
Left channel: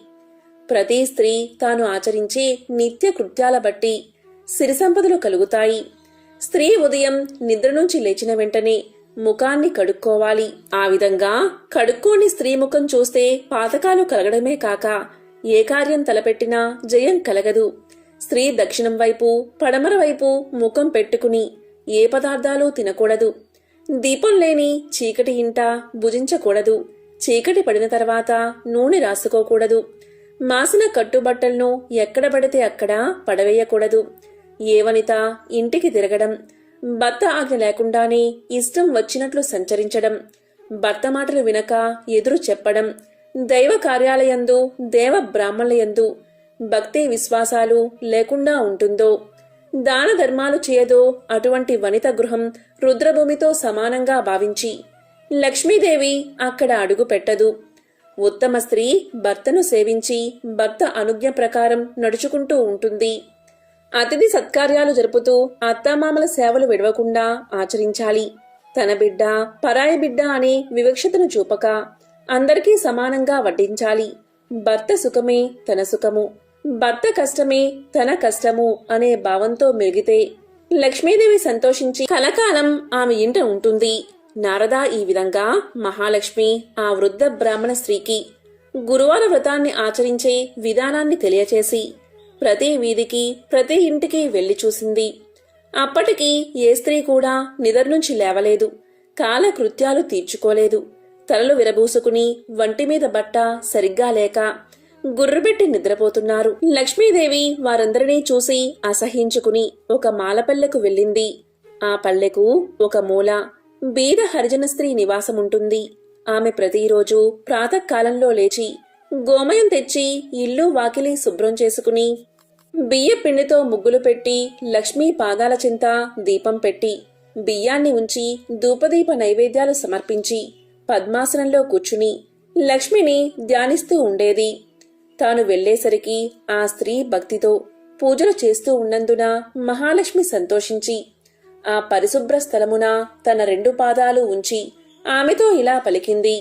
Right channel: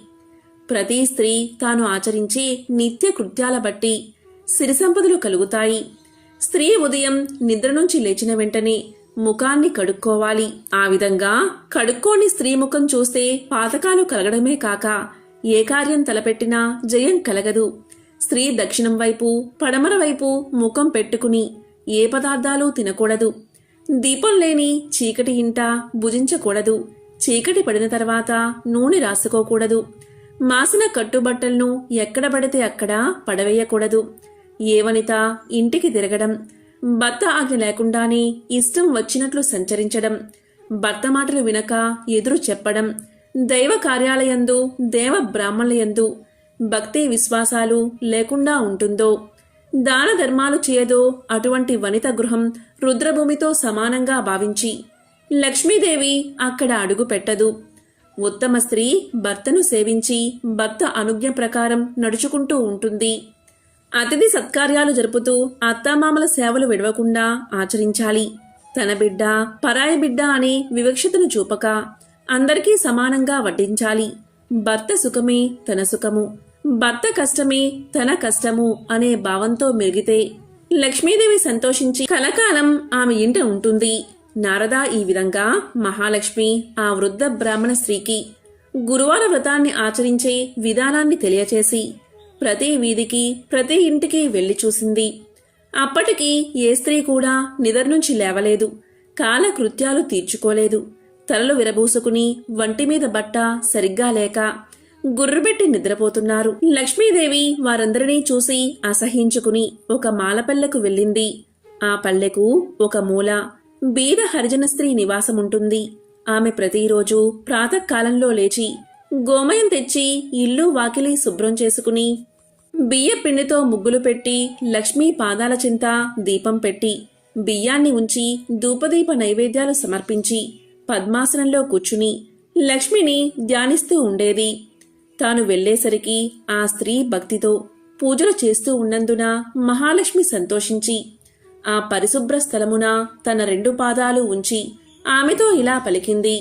ప్రతి స్త్రీ తాను ఆచరించే నిత్య కృత్యాల బట్టి సిరి సంపదలు కలుగుతాయి. స్త్రీ ఉదయం నిద్ర నుంచి లేచిన వెంటనే ముఖాన్ని కడుక్కోవాలి. ఆ విధంగా కడుక్కోని స్త్రీ ముఖం చూస్తే పాతకాలు కలగడమే కాక ఏ కార్యం తలపెట్టినా జయం కలగదు. స్త్రీ దక్షిణం వైపు, పడమర వైపు ముఖం పెట్టుకుని ఏ పదార్థాలు తినకూడదు. దీపం లేని చీకటి ఇంట భుజించకూడదు. చీకటి పడిన తర్వాత నూనె రాసుకోకూడదు. మాసిన కట్టుబట్టలను ఎక్కడ పడితే అక్కడ పడవేయకూడదు. ఏ వనిత ఇంటికి తిరగడం, భర్త ఆజ్ఞ లేకుండానే ఇష్టం వచ్చినట్లు సంచరించడం, భర్త మాటలు వినక ఎదురు చెప్పడం, దైవ కార్యాలయందు దేవ బ్రాహ్మణులయందు భక్తి విశ్వాసాలు లేకుండా ఉంటుందో, దాన ధర్మాలు చేయదో అటువంటి వనిత గృహం రుద్రభూమితో సమానంగా భావించి లక్ష్మీదేవి అక్కడ అడుగు పెట్టదు. ఉత్తమ స్త్రీ భర్తను సేవించి భర్త అనుజ్ఞ ప్రకారం నడుచుకుంటూ ఉంటుంది. అతిథి సత్కార్యాలు జరుపుతూ అత్తామామల సేవలు విడవకుండా ఆచరించాలి. తన బిడ్డ పరాయి బిడ్డ అనే వివక్షతను చూపక అందరికీ సమానంగా వడ్డించాలి. భర్త సుఖమే తన సుఖము, భర్త కష్టమే తన కష్టము అనే భావంతో మెలిగితే లక్ష్మీదేవి సంతోషించి కలకాలం ఆమె ఇంట ఉంటుంది. నారద ఈ విధంగా మహాలక్ష్మి ఆ వృద్ధ బ్రాహ్మణ స్త్రీకి గురువార వ్రతాన్ని ఆచరించే విధానాన్ని తెలియచేసి ప్రతి వీధికి ప్రతి ఇంటికి వెళ్లి చూసింది. అప్పటికి ఏ స్త్రీ కూడా నిద్ర నుంచి లేవలేదు, కాలకృత్యాలు తీర్చుకోలేదు. తలలు విరబూసుకుని వంటిమీద బట్ట సరిగ్గా లేక గుర్రుబెట్టి నిద్రపోతున్నారు. లక్ష్మీదేవి వారందరినీ చూసి అసహించుకుని ఒక మాలపల్లెకు వెళ్ళింది. ఆ పల్లెకు ఒక మూల బీద హరిజన స్త్రీ నివాసముంటుంది. ఆమె ప్రతిరోజు ప్రాతకాలంలో లేచి గోమయం తెచ్చి ఇల్లు వాకిలి శుభ్రం చేసుకుని బియ్య పిండితో ముగ్గులు పెట్టి లక్ష్మీ పాదాల చింత దీపం పెట్టి బియ్యాన్ని ఉంచి ధూపదీప నైవేద్యాలు సమర్పించి పద్మాసనంలో కూర్చుని లక్ష్మిని ధ్యానిస్తూ ఉండేది. తాను వెళ్లేసరికి ఆ స్త్రీ భక్తితో పూజలు చేస్తూ ఉన్నందున మహాలక్ష్మి సంతోషించి ఆ పరిశుభ్ర స్థలమున తన 2 పాదాలు ఉంచి ఆమెతో ఇలా పలికింది.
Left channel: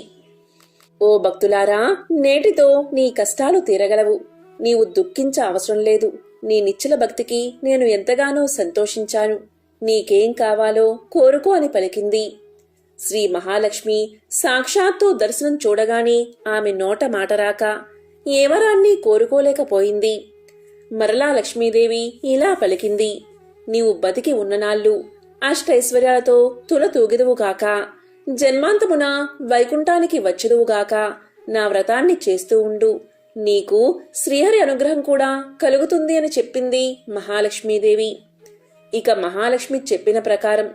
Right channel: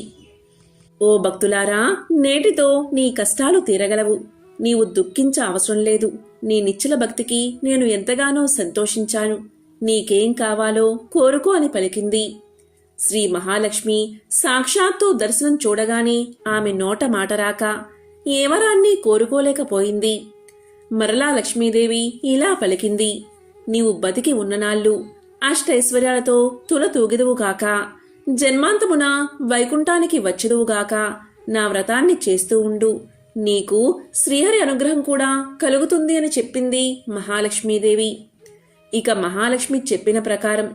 ఓ భక్తులారా, నేటితో నీ కష్టాలు తీరగలవు. నీవు దుఃఖించ అవసరం లేదు. నీ నిశ్చల భక్తికి నేను ఎంతగానో సంతోషించాను. నీకేం కావాలో కోరుకో అని పలికింది. శ్రీ మహాలక్ష్మి సాక్షాత్తు దర్శనం చూడగానే ఆమె నోట మాట రాక ఏ వరాన్ని కోరుకోలేకపోయింది. మరలా లక్ష్మీదేవి ఇలా పలికింది. నీవు బతికి ఉన్ననాళ్ళు అష్టైశ్వర్యాలతో తులతూగిదువుగాక, జన్మాంతమున వైకుంఠానికి వచ్చుదువుగాక, నా వ్రతాన్ని చేస్తూ ఉండు. నీకు శ్రీహరి అనుగ్రహం కూడా కలుగుతుంది అని చెప్పింది మహాలక్ష్మీదేవి. ఇక మహాలక్ష్మి చెప్పిన ప్రకారం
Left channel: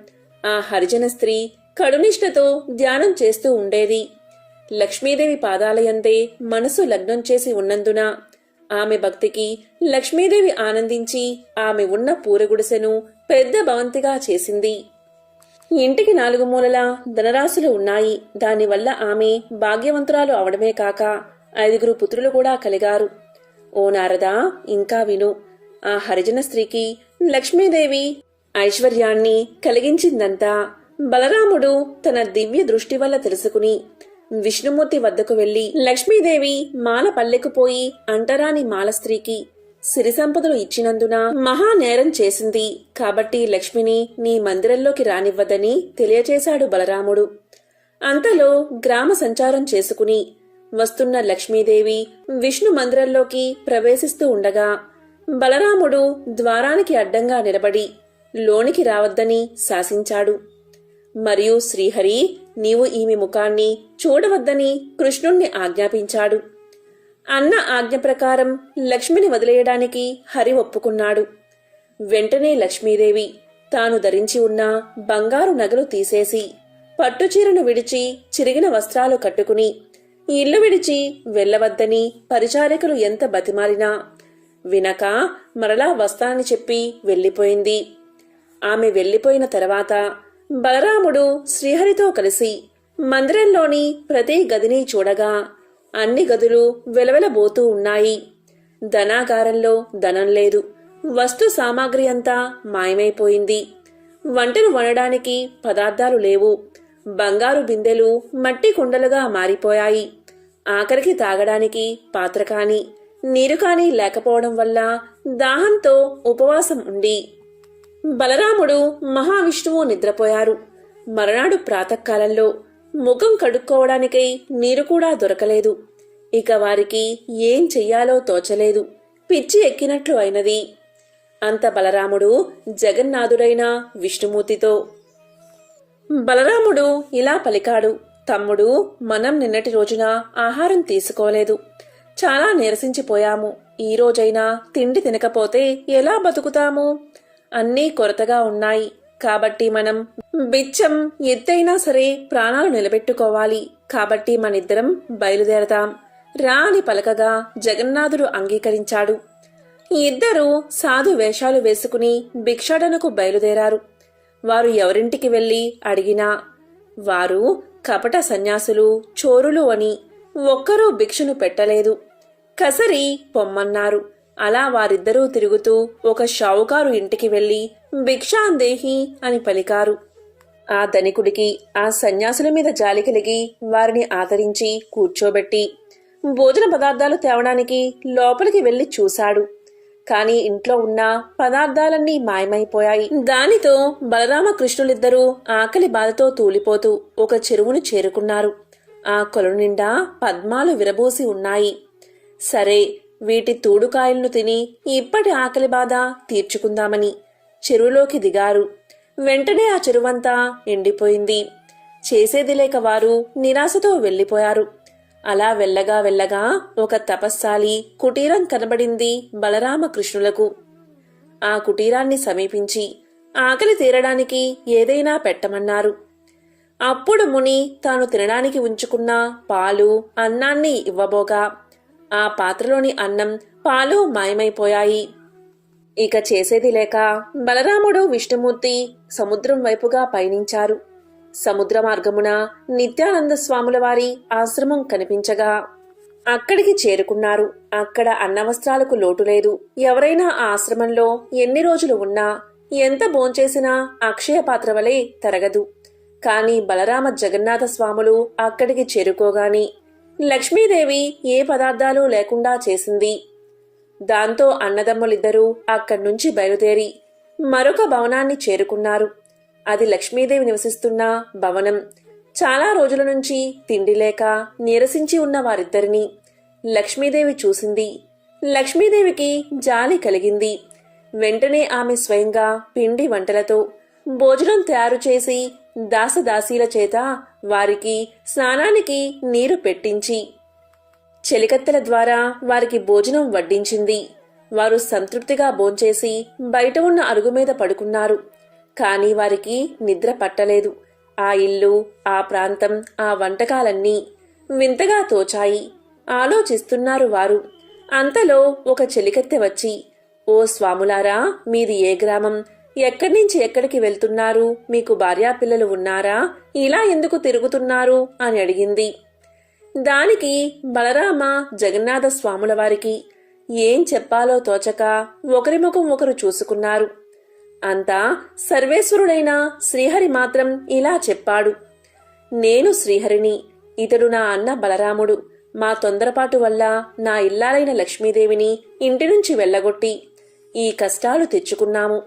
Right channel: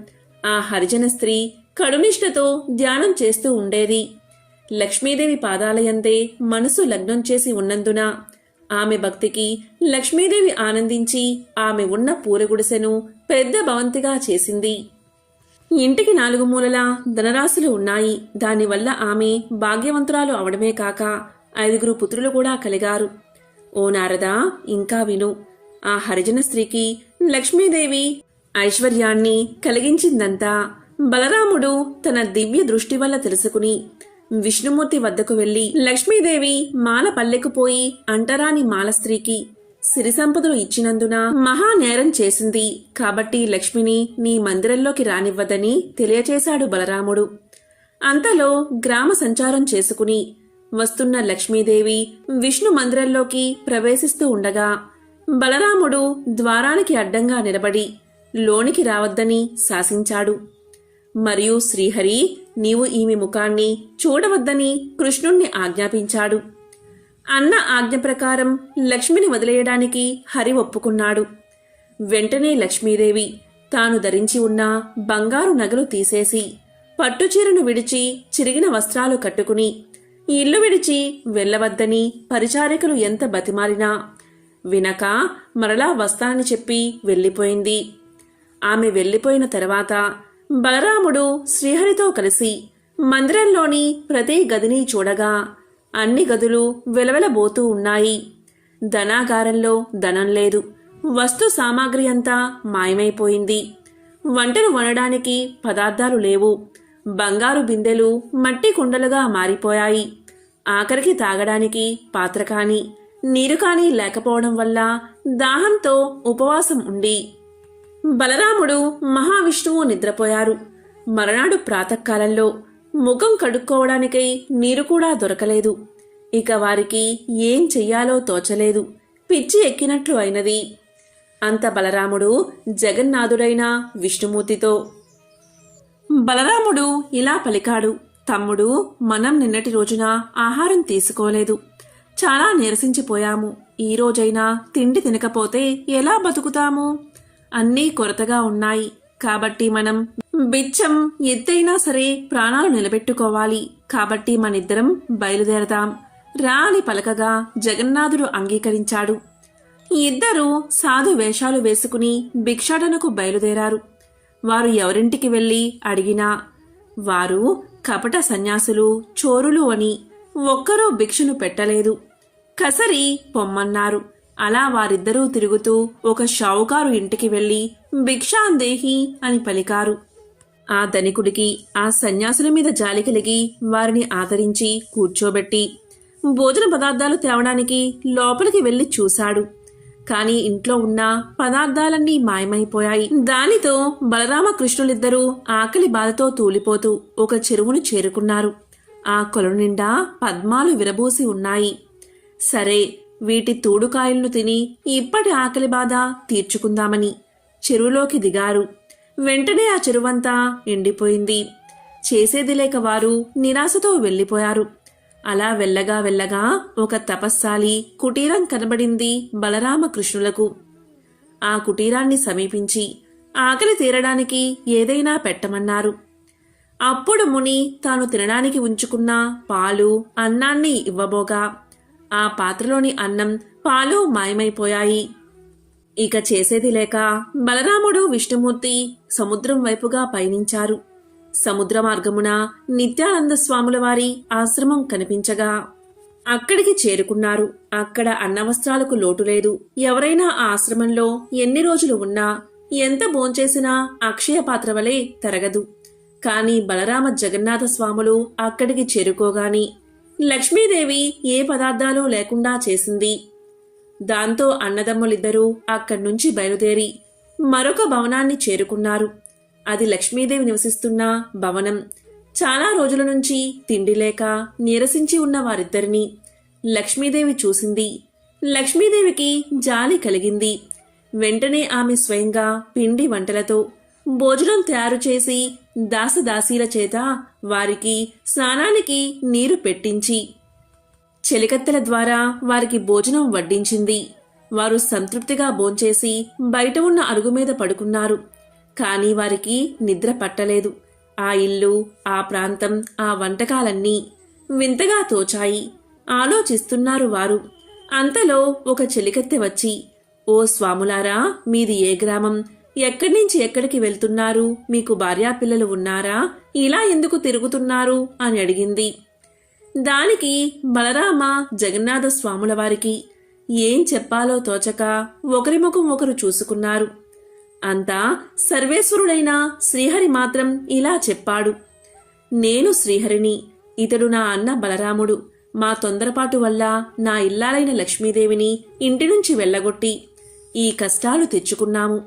ఆ హరిజన స్త్రీ కడునిష్టతో ధ్యానం చేస్తూ ఉండేది. లక్ష్మీదేవి పాదాలయందే మనసు లగ్నం చేసి ఉన్నందున ఆమె భక్తికి లక్ష్మీదేవి ఆనందించి ఆమె ఉన్న పూరగుడిసెను పెద్ద భవంతిగా చేసింది. ఇంటికి 4 మూలలా ధనరాశులు ఉన్నాయి. దానివల్ల ఆమె భాగ్యవంతురాలు అవడమే కాక 5 పుత్రులు కూడా కలిగారు. ఓ నారదా, ఇంకా విను. ఆ హరిజన స్త్రీకి లక్ష్మీదేవి ఐశ్వర్యాన్ని కలిగించిందంతా బలరాముడు తన దివ్య దృష్టి వల్ల తెలుసుకుని విష్ణుమూర్తి వద్దకు వెళ్లి లక్ష్మీదేవి మాల పల్లెకు పోయి అంటరాని మాల స్త్రీకి సిరి సంపదలు ఇచ్చినందున మహా నేరం చేసింది కాబట్టి లక్ష్మిని నీ మందిరంలోకి రానివ్వదని తెలియచేశాడు బలరాముడు. అంతలో గ్రామ సంచారం చేసుకుని వస్తున్న లక్ష్మీదేవి విష్ణు మందిరంలోకి ప్రవేశిస్తూ ఉండగా బలరాముడు ద్వారానికి అడ్డంగా నిలబడి లోనికి రావద్దని శాసించాడు. మరియు శ్రీహరి నీవు ఈమె ముఖాన్ని చూడవద్దని కృష్ణుణ్ణి ఆజ్ఞాపించాడు. అన్న ఆజ్ఞ ప్రకారం లక్ష్మిని వదిలేయడానికి హరి ఒప్పుకున్నాడు. వెంటనే లక్ష్మీదేవి తాను ధరించి ఉన్న బంగారు నగలు తీసేసి పట్టుచీరను విడిచి చిరిగిన వస్త్రాలు కట్టుకుని ఇల్లు విడిచి వెళ్లవద్దని పరిచారికలు ఎంత బతిమాలినా వినక మరలా వస్తానని చెప్పి వెళ్లిపోయింది. ఆమె వెళ్లిపోయిన తర్వాత బలరాముడు శ్రీహరితో కలిసి మందిరంలోని ప్రతి గదిని చూడగా అన్ని గదులు వెలవెలబోతూ ఉన్నాయి. ధనాగారంలో ధనం లేదు. వస్తు సామాగ్రి అంతా మాయమైపోయింది. వంటలు వండడానికి పదార్థాలు లేవు. బంగారు బిందెలు మట్టి కుండలుగా మారిపోయాయి. ఆఖరికి తాగడానికి పాత్ర కాని నీరు కాని లేకపోవడం వల్ల దాహంతో ఉపవాసం ఉండి బలరాముడు మహావిష్ణువు నిద్రపోయారు. మరునాడు ప్రాతకాలంలో ముఖం కడుక్కోవడానికై నీరు కూడా దొరకలేదు. ఇక వారికి ఏం చెయ్యాలో తోచలేదు. పిచ్చి ఎక్కినట్లు అయినది. అంత బలరాముడు జగన్నాథుడైన విష్ణుమూర్తితో బలరాముడు ఇలా పలికాడు. తమ్ముడు, మనం నిన్నటి రోజున ఆహారం తీసుకోలేదు. చాలా నీరసించిపోయాము. ఈ రోజైనా తిండి తినకపోతే ఎలా బతుకుతాము? అన్నీ కొరతగా ఉన్నాయి. కాబట్టి మనం బిచ్చం ఎత్తైనా సరే ప్రాణాలు నిలబెట్టుకోవాలి. కాబట్టి మనిద్దరం బయలుదేరదాం రా అని పలకగా జగన్నాథుడు అంగీకరించాడు. ఇద్దరూ సాధు వేషాలు వేసుకుని భిక్షాటనకు బయలుదేరారు. వారు ఎవరింటికి వెళ్లి అడిగినా వారు కపట సన్యాసులు, చోరులు అని ఒక్కరూ భిక్షను పెట్టలేదు. కసరి పొమ్మన్నారు. అలా వారిద్దరూ తిరుగుతూ ఒక షావుకారు ఇంటికి వెళ్లి భిక్షాందేహి అని పలికారు. ఆ ధనికుడికి ఆ సన్యాసుల మీద జాలి కలిగి వారిని ఆదరించి కూర్చోబెట్టి భోజన పదార్థాలు తేవడానికి లోపలికి వెళ్లి చూశాడు. కాని ఇంట్లో ఉన్న పదార్థాలన్నీ మాయమైపోయాయి. దానితో బలరామకృష్ణులిద్దరూ ఆకలి బాధతో తూలిపోతూ ఒక చెరువును చేరుకున్నారు. ఆ కొలను నిండా పద్మాలు విరబూసి ఉన్నాయి. సరే, వీటి తూడుకాయలను తిని ఇప్పటి ఆకలి బాధ తీర్చుకుందామని చెరువులోకి దిగారు. వెంటనే ఆ చెరువంతా ఎండిపోయింది. చేసేది లేక వారు నిరాశతో వెళ్లిపోయారు. అలా వెళ్ళగా వెళ్ళగా ఒక తపస్సాలి కుటీరం కనబడింది బలరామకృష్ణులకు. ఆ కుటీరాన్ని సమీపించి ఆకలి తీరడానికి ఏదైనా పెట్టమన్నారు. అప్పుడు ముని తాను తినడానికి ఉంచుకున్న పాలు, అన్నాన్ని ఇవ్వబోగా ఆ పాత్రలోని అన్నం, పాలు మాయమైపోయాయి. ఇక చేసేది లేక బలరాముడు, విష్ణుమూర్తి సముద్రం వైపుగా పయనించారు. సముద్ర మార్గమున నిత్యానంద స్వాముల వారి ఆశ్రమం కనిపించగా అక్కడికి చేరుకున్నారు. అక్కడ అన్నవస్త్రాలకు లోటు లేదు. ఎవరైనా ఆ ఆశ్రమంలో ఎన్ని రోజులు ఉన్నా ఎంత భోంచేసినా అక్షయ పాత్ర వలె తరగదు. కాని బలరామ జగన్నాథ స్వాములు అక్కడికి చేరుకోగాని లక్ష్మీదేవి ఏ పదార్థాలు లేకుండా చేసింది. దాంతో అన్నదమ్ములిద్దరూ అక్కడ్నుంచి బయలుదేరి మరొక భవనాన్ని చేరుకున్నారు. అది లక్ష్మీదేవి నివసిస్తున్న భవనం. చాలా రోజుల నుంచి తిండి లేక నీరసించి ఉన్న వారిద్దరినీ లక్ష్మీదేవి చూసింది. లక్ష్మీదేవికి జాలి కలిగింది. వెంటనే ఆమె స్వయంగా పిండి వంటలతో భోజనం తయారు చేసి దాసదాసీల చేత వారికి స్నానానికి నీరు పెట్టించి చెలికత్తెల ద్వారా వారికి భోజనం వడ్డించింది. వారు సంతృప్తిగా భోంచేసి బయట ఉన్న అరుగు మీద పడుకున్నారు. కాని వారికి నిద్ర పట్టలేదు. ఆ ఇల్లు, ఆ ప్రాంతం, ఆ వంటకాలన్నీ వింతగా తోచాయి. ఆలోచిస్తున్నారు వారు. అంతలో ఒక చెలికత్తె వచ్చి, ఓ స్వాములారా, మీది ఏ గ్రామం? ఎక్కడి నుంచి ఎక్కడికి వెళ్తున్నారు? మీకు భార్యాపిల్లలు ఉన్నారా? ఇలా ఎందుకు తిరుగుతున్నారు అని అడిగింది. దానికి బలరామ జగన్నాథ స్వాముల వారికి ఏం చెప్పాలో తోచక ఒకరి ముఖం ఒకరు చూసుకున్నారు. అంతా సర్వేశ్వరుడైన శ్రీహరి మాత్రం ఇలా చెప్పాడు. నేను శ్రీహరిని, ఇతడు నా అన్న బలరాముడు. మా తొందరపాటు వల్ల నా ఇల్లాలైన లక్ష్మీదేవిని ఇంటి నుంచి వెళ్ళగొట్టి ఈ కష్టాలు తెచ్చుకున్నాము.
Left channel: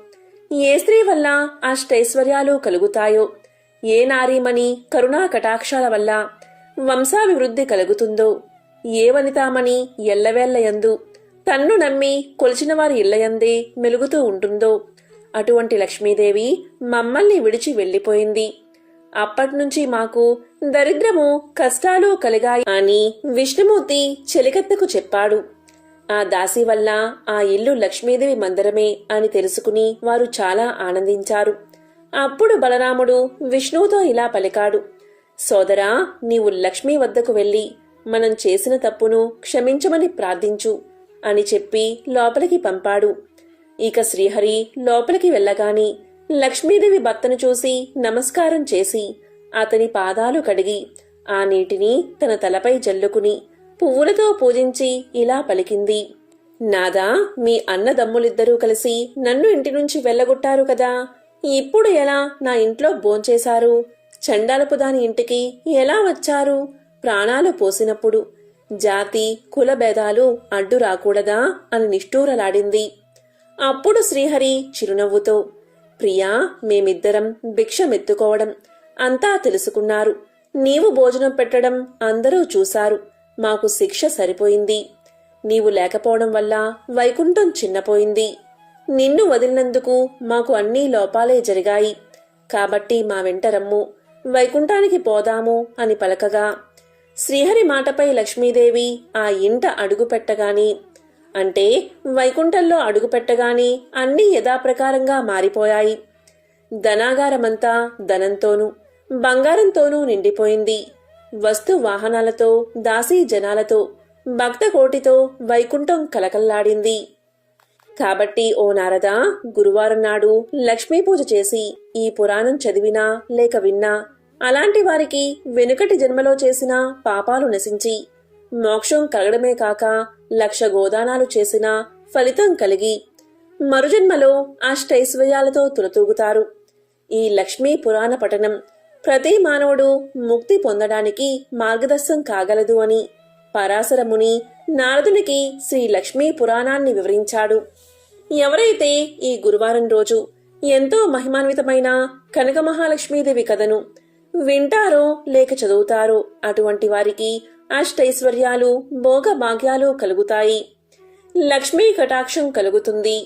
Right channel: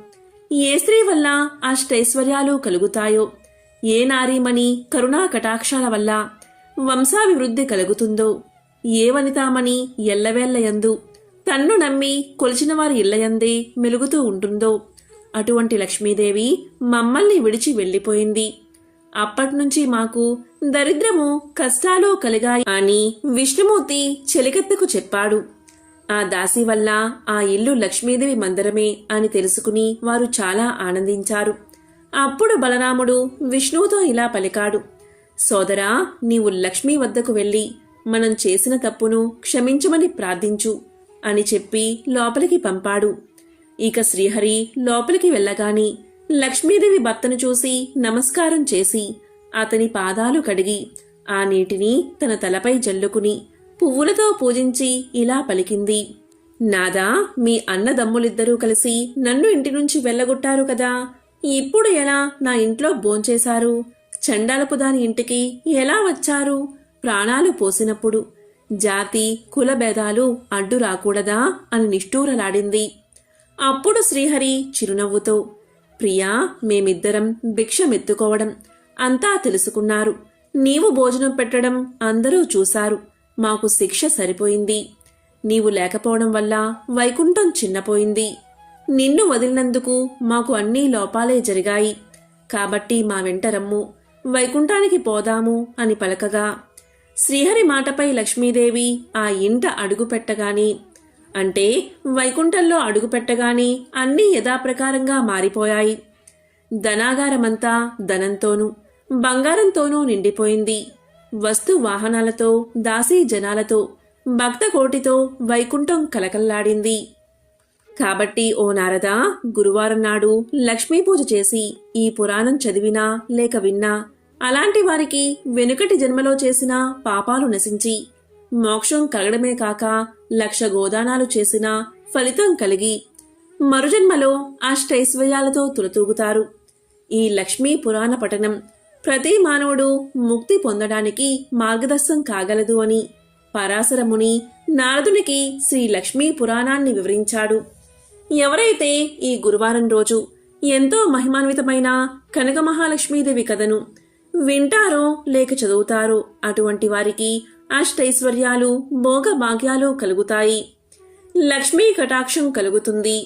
ఏ స్త్రీ వల్ల అష్టైశ్వర్యాలు కలుగుతాయో, ఏ నారీమణి కరుణా కటాక్షాల వల్ల వంశాభివృద్ధి కలుగుతుందో, ఏ వనితామణి ఎల్లవేళ్లయందు తన్ను నమ్మి కొలిచిన వారి ఇళ్లయందే మెలుగుతూ ఉంటుందో అటువంటి లక్ష్మీదేవి మమ్మల్ని విడిచి వెళ్లిపోయింది. అప్పట్నుంచి మాకు దరిద్రము, కష్టాలు కలిగాయి అని విష్ణుమూర్తి చెలికత్తకు చెప్పాడు. ఆ దాసి వల్ల ఆ ఇల్లు లక్ష్మీదేవి మందిరమే అని తెలుసుకుని వారు చాలా ఆనందించారు. అప్పుడు బలరాముడు విష్ణువుతో ఇలా పలికాడు. సోదరా, నీవు లక్ష్మీ వద్దకు వెళ్లి మనం చేసిన తప్పును క్షమించమని ప్రార్థించు అని చెప్పి లోపలికి పంపాడు. ఇక శ్రీహరి లోపలికి వెళ్ళగాని లక్ష్మీదేవి భర్తను చూసి నమస్కారం చేసి అతని పాదాలు కడిగి ఆ నీటిని తన తలపై జల్లుకుని పువ్వులతో పూజించి ఇలా పలికింది. నాదా, మీ అన్నదమ్ములిద్దరూ కలిసి నన్ను ఇంటి నుంచి వెళ్ళగొట్టారు కదా, ఇప్పుడు ఎలా నా ఇంట్లో భోంచేశారు? చండాలపు దాని ఇంటికి ఎలా వచ్చారు? ప్రాణాలు పోసినప్పుడు జాతి కుల భేదాలు అడ్డు రాకూడదా అని నిష్ఠూరలాడింది. అప్పుడు శ్రీహరి చిరునవ్వుతో, ప్రియా, మేమిద్దరం భిక్షమెత్తుకోవడం అంతా తెలుసుకున్నారు. నీవు భోజనం పెట్టడం అందరూ చూశారు. మాకు శిక్ష సరిపోయింది. నీవు లేకపోవడం వల్ల వైకుంఠం చిన్నపోయింది. నిన్ను వదిలినందుకు మాకు అన్నీ లోపాలే జరిగాయి. కాబట్టి మా వెంట రమ్ము, వైకుంఠానికి పోదాము అని పలకగా శ్రీహరి మాటపై లక్ష్మీదేవి ఆ ఇంట అడుగుపెట్టగాని, అంటే వైకుంఠంలో అడుగుపెట్టగాని అన్నీ యథాప్రకారంగా మారిపోయాయి. ధనాగారమంతా ధనంతోనూ బంగారంతోనూ నిండిపోయింది. వస్తు వాహనాలతో, దాసీ జనాలతో, భక్త కోటితో వైకుంఠం కలకల్లాడింది. కాబట్టి ఓ నారదా, గురువారం నాడు లక్ష్మీ పూజ చేసి ఈ పురాణం చదివినా లేక విన్నా అలాంటి వారికి వెనుకటి జన్మలో చేసిన పాపాలు నశించి మోక్షం కలగడమే కాక 1,00,000 గోదానాలు చేసినా ఫలితం కలిగి మరుజన్మలో అష్టైశ్వర్యాలతో తులతూగుతారు. ఈ లక్ష్మీ పురాణ పఠనం ప్రతి మానవుడు ముక్తి పొందడానికి మార్గదర్శనం కాగలదు అని పరాశర ముని నారదునికి శ్రీ లక్ష్మీ పురాణాన్ని వివరించాడు. ఎవరైతే ఈ గురువారం రోజు ఎంతో మహిమాన్వితమైన కనక మహాలక్ష్మీదేవి కథను వింటారో లేక చదువుతారో అటువంటి వారికి అష్టైశ్వర్యాలు, భోగ భాగ్యాలు కలుగుతాయి. లక్ష్మీ కటాక్షం కలుగుతుంది.